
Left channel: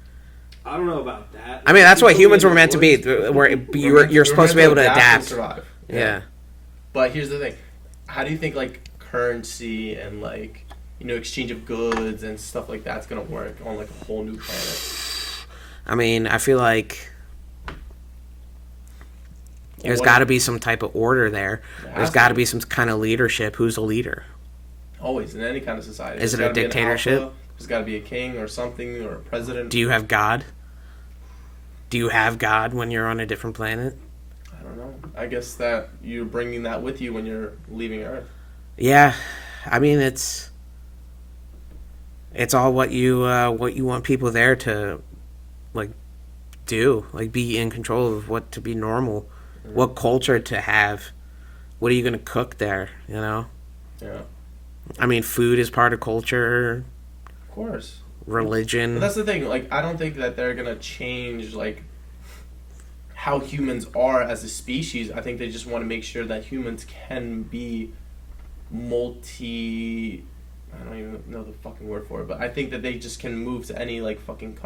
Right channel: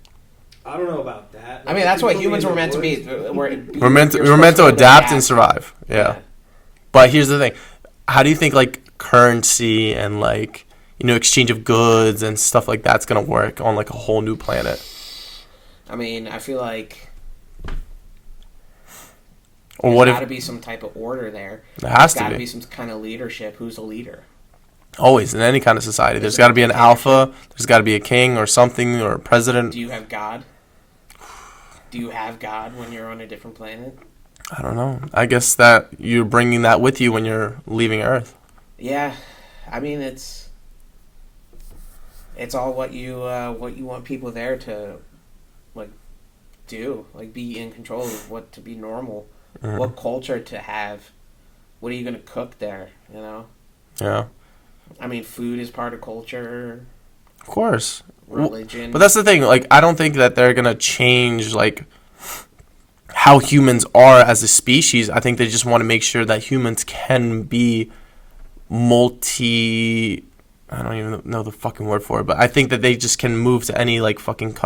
I don't know about that. I mean, that's what People humans in were the meant to be. woods- We're meant to adapt and survive. Yeah. Yeah. But here's the thing. How do you think like currency and like exchange of goods and stuff like that's gonna work on like a whole new planet? I mean, I feel like Or there's what got if- to be some type of order there. There has There's to got to be. be some kind of leadership. Who's the leader? Always in any kind of society, there's it got a to be an dictatorship? alpha. There's got to be a king or something or a president. Do you have God? Do you have God when you're on a different planet? I don't know. I guess that you're bringing that with you when you're leaving Earth. Yeah, I mean it's all what you want people there to like do, like be in control of what to be normal, what culture to have, what are you gonna cook there, you know? Yeah. I mean, food is part of culture, Of course. religion. But that's the thing. Like, I don't think that they're gonna change like how humans are as a species. I think they just want to make sure that humans can be multi. I don't even know the fucking word for it, but I think that they just can move to any like fucking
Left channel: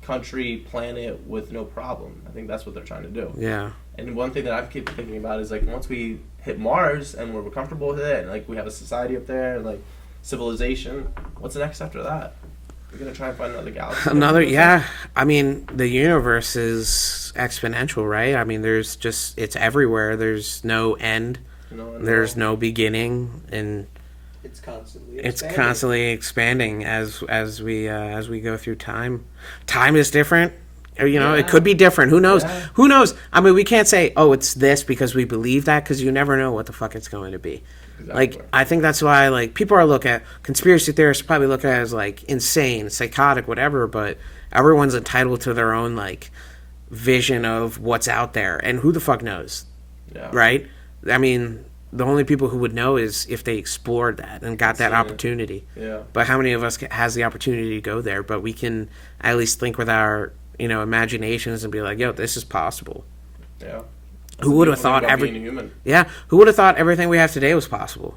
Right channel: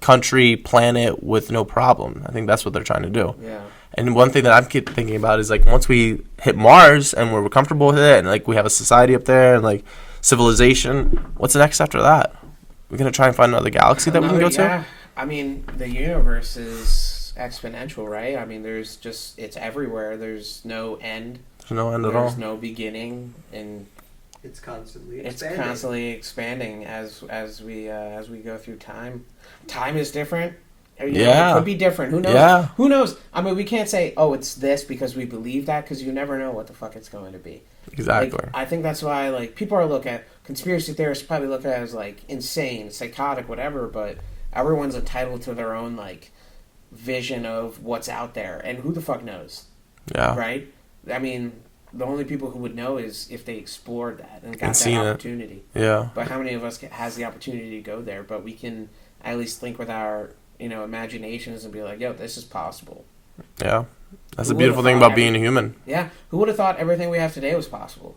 country, planet with no problem. I think that's what they're trying to do. Yeah. And one thing that I keep thinking about is like once we hit Mars and we're comfortable with it, and like we have a society up there and like civilization, what's next after that? We're gonna try and find another galaxy. That we can go to? Yeah. I mean, the universe is exponential, right? I mean, it's everywhere. There's no end. There's no end at There's all. no beginning, and It's constantly it's expanding. constantly expanding as we go through time. Time is different. Or, it Yeah. could be different. Who knows? Yeah. Who knows? I mean, we can't say, oh, it's this because we believe that, because you never know what the fuck it's going to be. Exactly. Like, I think that's why, like, people are look at conspiracy theorists probably look at it as like insane, psychotic, whatever. But everyone's entitled to their own like vision of what's out there, and who the fuck knows, Yeah. right? I mean, the only people who would know is if they explored that and got that seen it. opportunity. Yeah. But how many of us has the opportunity to go there? But we can at least think with our imaginations and be like, yo, this is possible. Yeah. That's Who the would've beautiful thing thought about being a human. Yeah, who would have thought everything we have today was possible?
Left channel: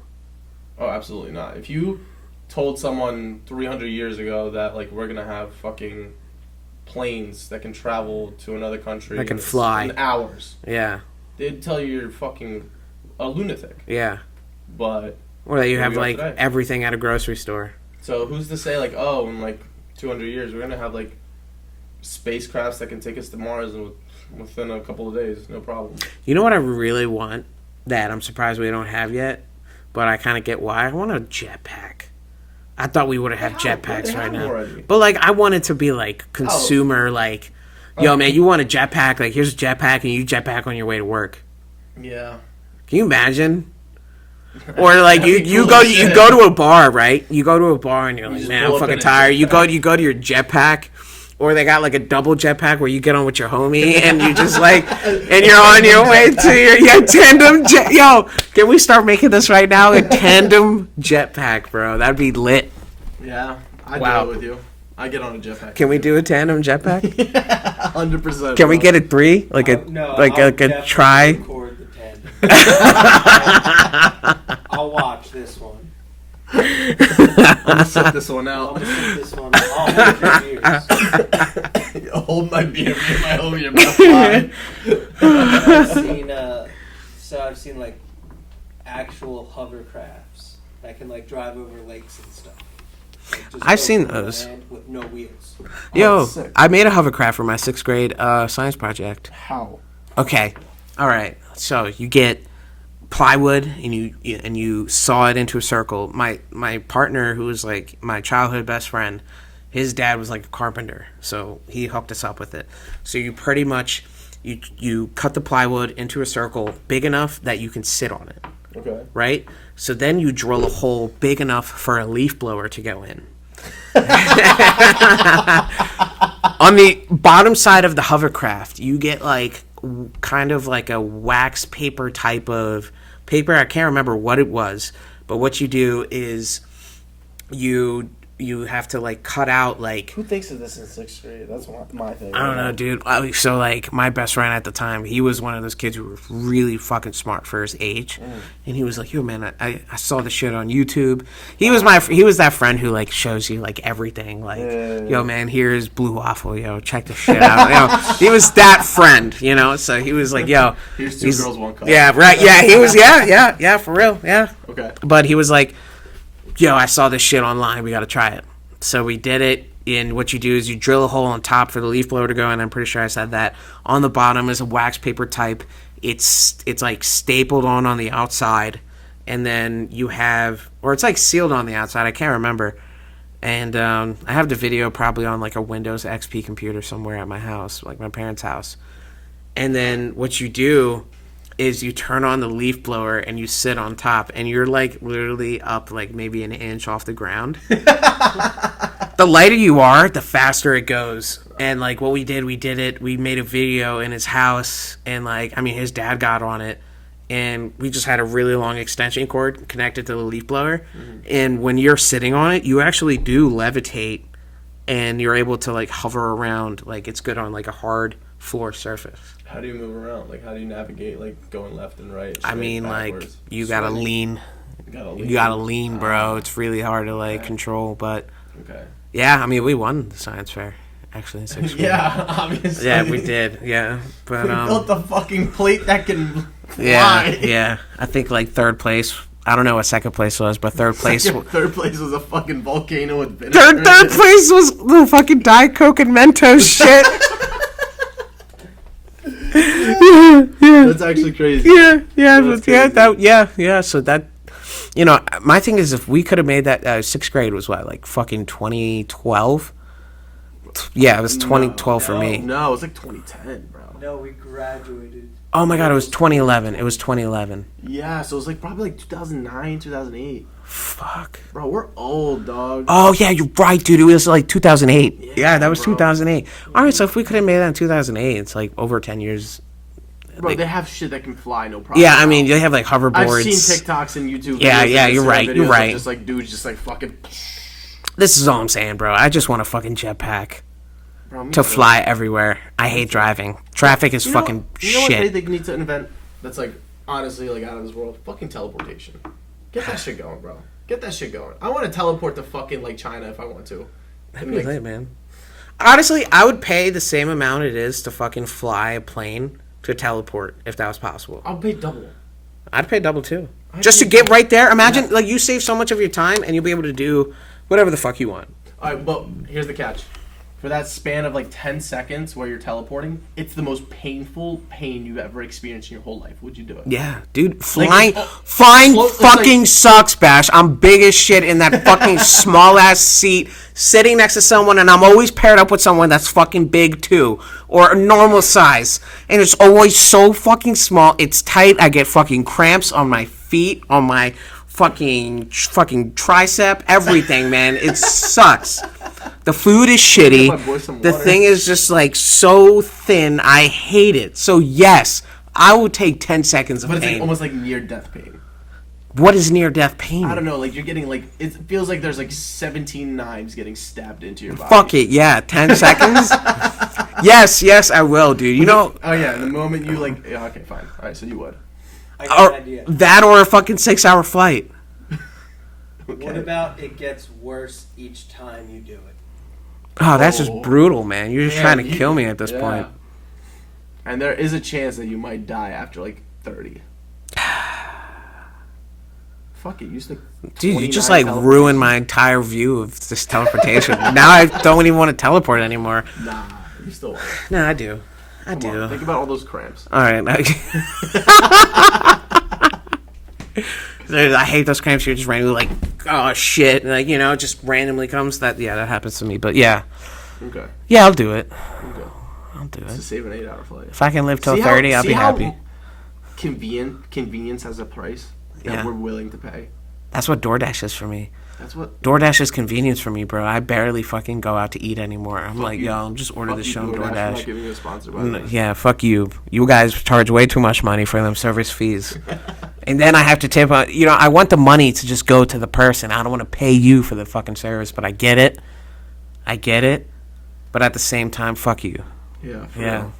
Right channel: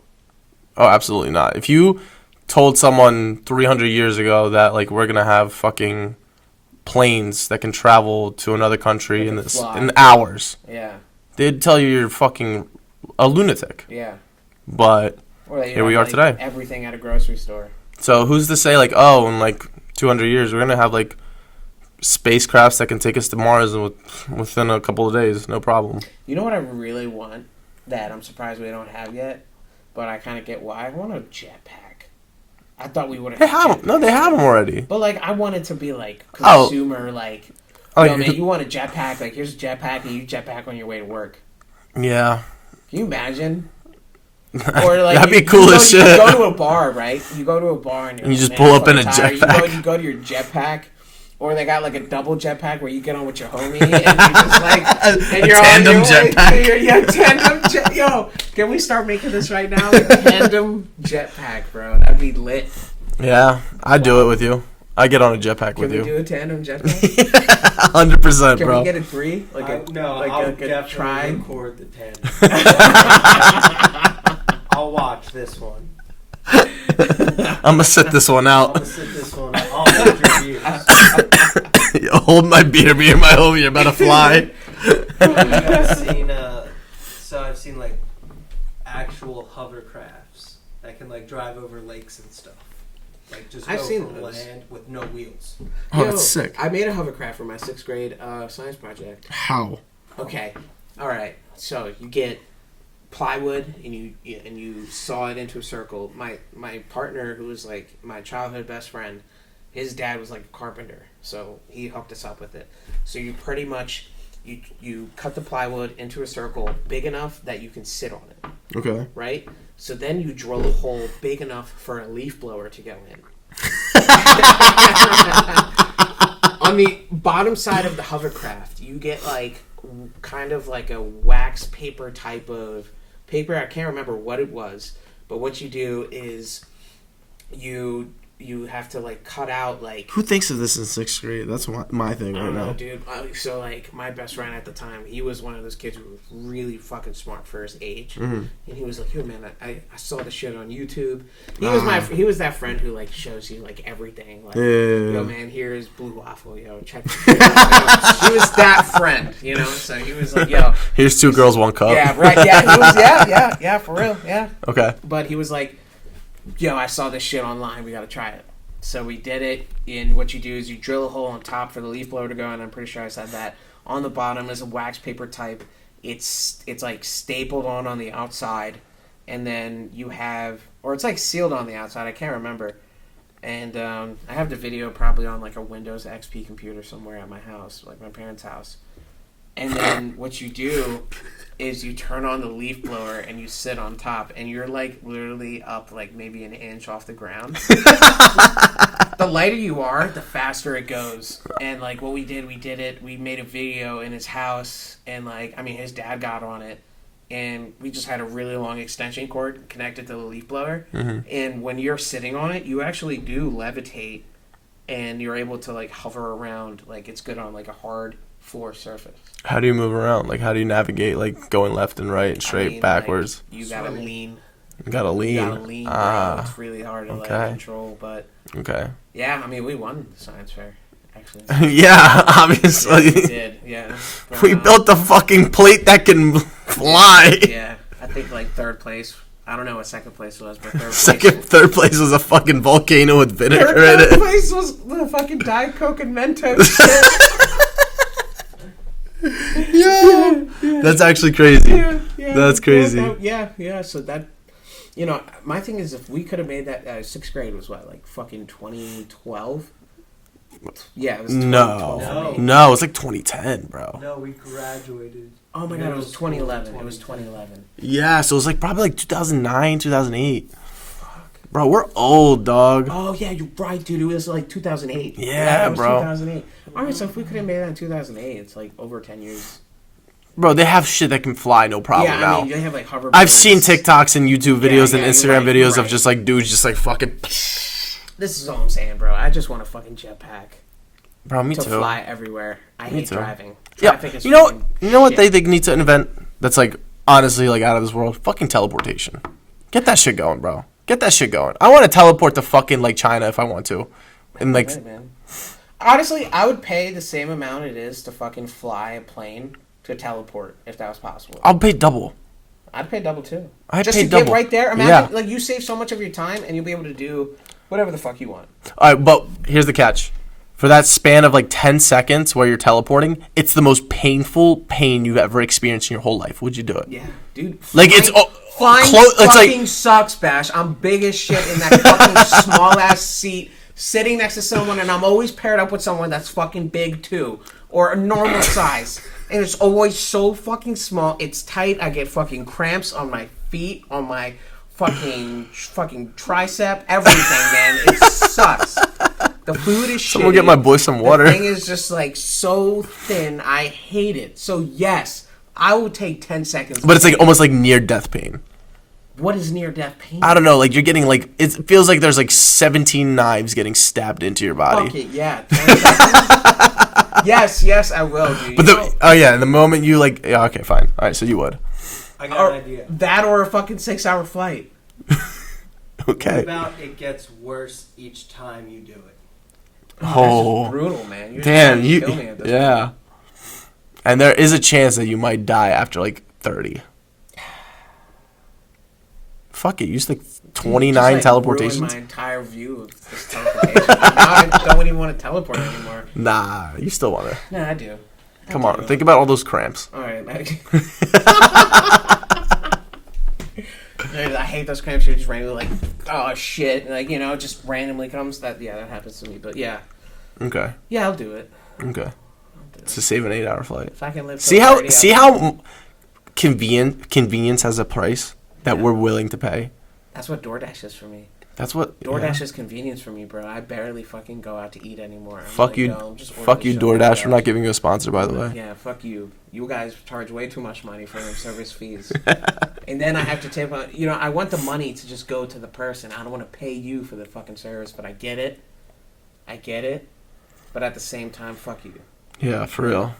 Oh, absolutely not. If you told someone 300 years ago that like we're gonna have fucking planes that can travel to another country That can in, fly. in hours, Yeah, they'd tell you you're fucking a lunatic. yeah. But Or that you Here have we are like today. everything at a grocery store. so who's to say like, oh, in like 200 years we're gonna have like spacecrafts that can take us to Mars within a couple of days, no problem. You know what I really want that I'm surprised we don't have yet, but I kind of get why. I want a jetpack. I thought we would have had jetpacks. No, they by have them now. already. But like, I want it to be like consumer, like, Oh, yo, you man, could- you want a jetpack? Like, here's a jetpack, and you jetpack on your way to work. Yeah. Can you imagine? Or like That'd you, be cool you, go, as you shit. go to a bar, right? You go to a bar and you're You like, just man, pull I'm up in fucking a tired. jetpack. You go to your jetpack, or they got like a double jetpack where you get on with your homie and you just like, and you're on your tandem way to jetpack. your tandem jet. Yo, can we start making this right now? The tandem jetpack, bro. That'd be lit. Yeah, I'd do it with you. I get on a jetpack. Can we do a tandem jetpack? 100%. Can we get a 3? Like a No, like I'll a definitely try? record the 10. I'll watch this one. I'm gonna set this one I'll out. just sit this one. I'll hold your views. Hold my beer, me and my homie are about to fly. I've seen like actual hovercrafts that can like drive over lakes and stuff. Like, just I've go seen through those. land with no wheels. Yo, that's sick. I made a hovercraft for my 6th grade science project. How? Okay, all right. So you get plywood and you saw it into a circle. My partner, who was like my childhood best friend, his dad was like a carpenter, so he hooked us up with it. So you pretty much you cut the plywood into a circle big enough that you can sit on it, Okay. right? So then you drill a hole big enough for a leaf blower to go in. On the bottom side of the hovercraft, you get like kind of like a wax paper type of paper. I can't remember what it was, but what you do is you have to like cut out like, Who thinks of this in 6th grade? That's my thing. I don't know, dude. So like my best friend at the time, he was one of those kids who were really fucking smart for his age, and he was like, "Yo, man, I saw the shit on YouTube." He was that friend who like shows you like everything. Like, yo, man, here's blue waffle. Yo, check this shit out. He was that friend, you know. So he was like, "Yo, Here's 2 girls, 1 cup. yeah, right, yeah." He was, yeah, for real, yeah. Okay. But he was like, yo, I saw this shit online. We got to try it. So we did it. And what you do is you drill a hole on top for the leaf blower to go in. I'm pretty sure I said that. On the bottom is a wax paper type. It's like stapled on the outside. And then you have, or it's like sealed on the outside. I can't remember. And I have the video probably on like a Windows XP computer somewhere at my house, like my parents' house. And then what you do is you turn on the leaf blower and you sit on top and you're like literally up like maybe an inch off the ground. The lighter you are, the faster it goes. And like what we did it. We made a video in his house and like, I mean, his dad got on it and we just had a really long extension cord connected to the leaf blower. And when you're sitting on it, you actually do levitate and you're able to like hover around like it's good on like a hard floor surface. How do you move around? Like, how do you navigate, like, going left and right, and straight, backwards? Like, you gotta lean. You gotta lean. You gotta lean, bro. It's really hard to like control, but Okay. yeah, I mean, we won the science fair. Actually, Yeah, obviously. yeah, we did. Yeah, but, We built the fucking plate that can fly. Yeah, I think like 3rd place. I don't know what 2nd place was, but 3rd place. Third place was a fucking volcano with vinegar. Third place was the fucking Diet Coke and Mentos shit. That's actually crazy. Yeah, That's crazy. Yeah. So that, you know, my thing is if we could have made that 6th grade was what, like fucking 2012. Yeah, it was 2012 for me. No, it was like 2010, bro. No, we graduated. Oh my god, it was 2011. It was 2011. Yeah, so it was like probably like 2009, 2008. Fuck. Bro, we're old, dog. Oh yeah, you're right, dude. It was like 2008. Yeah, that was bro. 2008. All right, so if we could have made that in 2008, it's like over 10 years. Bro, they have shit that can fly, no problem. Yeah, I now. mean, they have like hoverboards. I've seen TikToks and YouTube videos Yeah, and yeah, you're Instagram right, you're videos right. of just like dudes just like fucking. This is all I'm saying, bro. I just want a fucking jetpack Bro, me to too. fly everywhere. I hate driving. Traffic is You know, fucking you know what shit. they need to invent that's like honestly like out of this world? Fucking teleportation. Get that shit going, bro. Get that shit going. I want to teleport to fucking like China if I want to. And like, Right, man. Honestly, I would pay the same amount it is to fucking fly a plane to teleport if that was possible. I'll pay double. I'd pay double too. I'd Just pay to get double. right there. Imagine Yeah. like you save so much of your time and you'll be able to do whatever the fuck you want. All right, but here's the catch. For that span of like 10 seconds where you're teleporting, it's the most painful pain you've ever experienced in your whole life. Would you do it? Yeah, dude. Like, Flying, it's flying it's like- fucking sucks, Bash. I'm big as shit in that fucking small ass seat, sitting next to someone, and I'm always paired up with someone that's fucking big too, or a normal size, and it's always so fucking small. It's tight. I get fucking cramps on my feet, on my fucking tricep, everything, man. It sucks. The food is Someone shitty. get my boy some water. The thing is just like so thin. I hate it. So yes, I will take 10 seconds. But it's like almost like near death pain. What is near death pain? I don't know. Like you're getting like it feels like there's like 17 knives getting stabbed into your body. Fuck it. Yeah, 10 seconds. Yes, I will, dude. You know. Oh yeah, the moment you like. Yeah, okay, fine. All right, so you would. I got an idea. That or a fucking 6-hour flight. Okay. What about it gets worse each time you do it? Oh, that's just brutal, man. You're just trying to kill me at this point. And there is a chance that you might die after like 30. Fuck it, you used like 29 Dude, you just like teleportations. ruined my entire view of this teleportation. Now I don't even want to teleport anymore. Nah, you still want it. No, I do. Come on, think about all those cramps. All right. I hate those cramps. You're just randomly like, oh shit, and like it just randomly comes. That happens to me. But yeah, Okay. yeah, I'll do it. Okay. I'll do it. To save an 8-hour flight. If I can live till See 30, I'll be happy. Convenience has a price that we're willing to pay. That's what DoorDash is for me. That's what DoorDash is convenience for me, bro. I barely fucking go out to eat anymore. I'm fuck like, you. yo, I'm just ordering Fuck this you, shit on DoorDash. I'm not giving you a sponsor, by the way. Yeah, fuck you. You guys charge way too much money for them service fees. And then I have to tip on, I want the money to just go to the person. I don't want to pay you for the fucking service, but I get it. But at the same time, fuck you. Yeah, for real.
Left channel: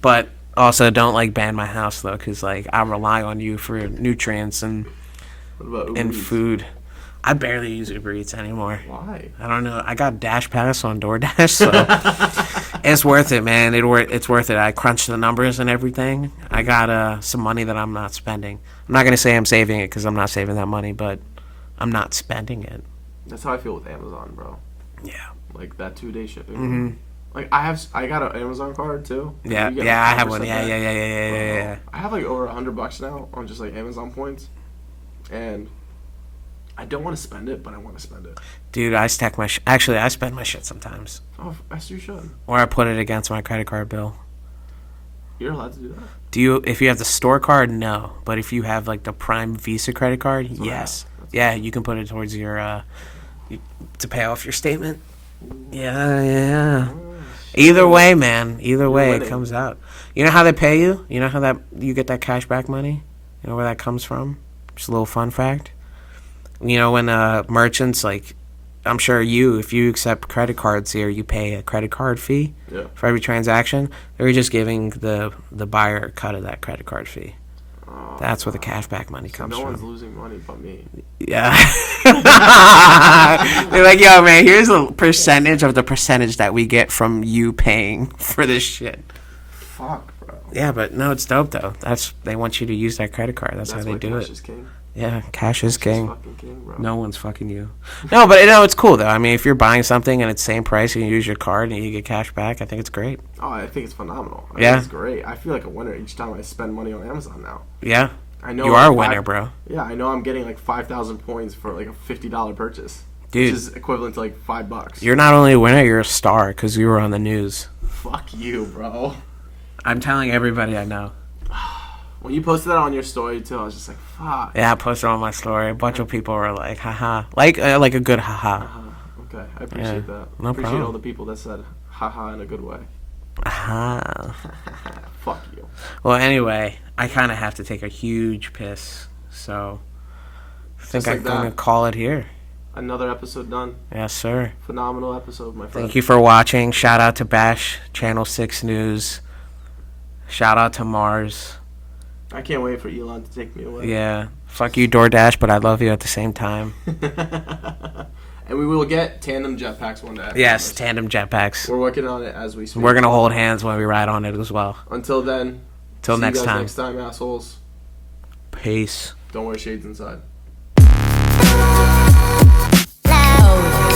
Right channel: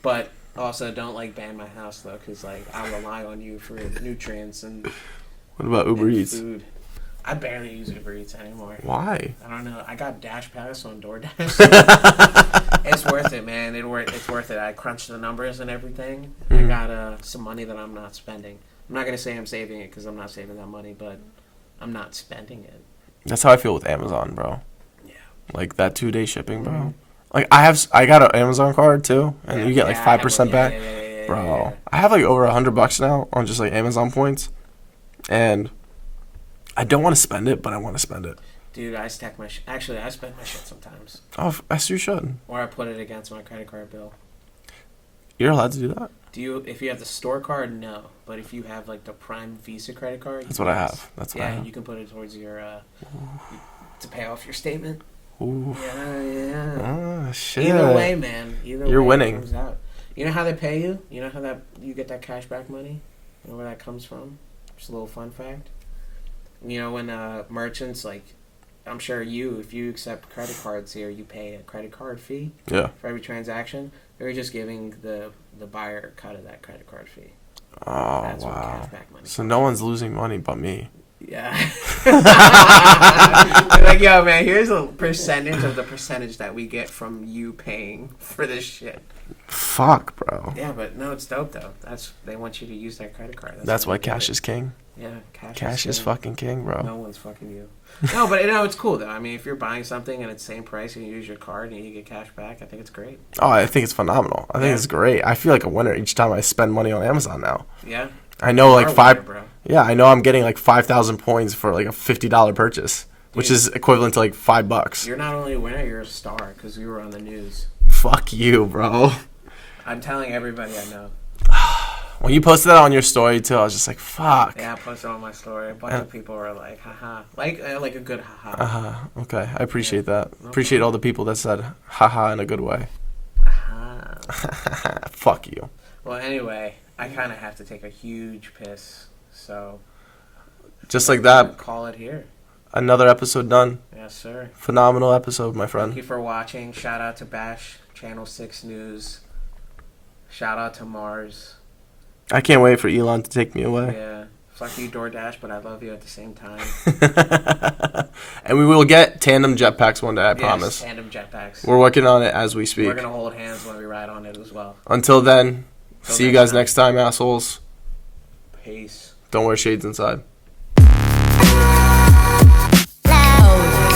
But also don't like ban my house though, because like I rely on you for nutrients and What about Uber Eats? food. I barely use Uber Eats anymore. Why? I don't know. I got Dash Pass on DoorDash, so it's worth it, man. It's worth it. I crunched the numbers and everything. Mm-hmm. I got some money that I'm not spending. I'm not gonna say I'm saving it because I'm not saving that money, but I'm not spending it. That's how I feel with Amazon, bro. Yeah. Like that 2-day shipping, bro. Like I got an Amazon card too. And Yeah, you get yeah, like I have 5% one. back. Yeah. I have like over $100 now on just like Amazon points, and I don't want to spend it, but I want to spend it. Dude, I stack my actually I spend my shit sometimes, Oh, yes, you should. or I put it against my credit card bill. You're allowed to do that. If you have the store card, no. But if you have like the Prime Visa credit card, That's what I yes. have. That's what I have. You can put it towards your to pay off your statement. Ooh. Yeah. Oh, shit. Either way, man. Either way, winning. it comes out. You know how they pay you? You know how that you get that cash back money? You know where that comes from? Just a little fun fact. When merchants, like, I'm sure if you accept credit cards here, you pay a credit card fee Yeah. for every transaction. They're just giving the buyer a cut of that credit card fee. Oh, That's where the cashback money So comes no from. one's losing money but me. Yeah. They're like, yo, man, here's a percentage of the percentage that we get from you paying for this shit. Fuck, bro. Yeah, but no, it's dope, though. They want you to use that credit card. That's how why they do cash it. is king. Yeah, cash is Cash king. is fucking king, bro. No one's fucking you. No, but it's cool, though. I mean, if you're buying something and it's same price, you can use your card and you get cash back. I think it's great. Oh, I think it's phenomenal. I think it's great. I feel like a winner each time I spend money on Amazon now. Yeah. I know You like are a winner, bro. Yeah, I know I'm getting like 5,000 points for like a $50 purchase, which Dude. is equivalent to like $5. You're not only a winner, you're a star because you were on the news. Fuck you, bro. I'm telling everybody I know. When you posted that on your story too, I was just like, fuck. Yeah, I posted on my story. A bunch of people were like, haha. Like a good haha. Okay, I appreciate that. no Appreciate problem. all the people that said haha in a good way. Haha. Fuck you. Well, anyway, I kind of have to take a huge piss. So, Just I like think I'm that, gonna call it here. another episode done. Yes, sir. Phenomenal episode, my friend. Thank you for watching. Shout out to Bash, Channel 6 News. Shout out to Mars. I can't wait for Elon to take me away. Yeah. Fuck you, DoorDash, but I love you at the same time. And we will get tandem jetpacks one day, I Yes, promise. tandem jetpacks. We're working on it as we speak. We're going to hold hands when we ride on it as well. Until then, Till see you next guys time. next time, assholes. Peace. Don't wear shades inside. Loud.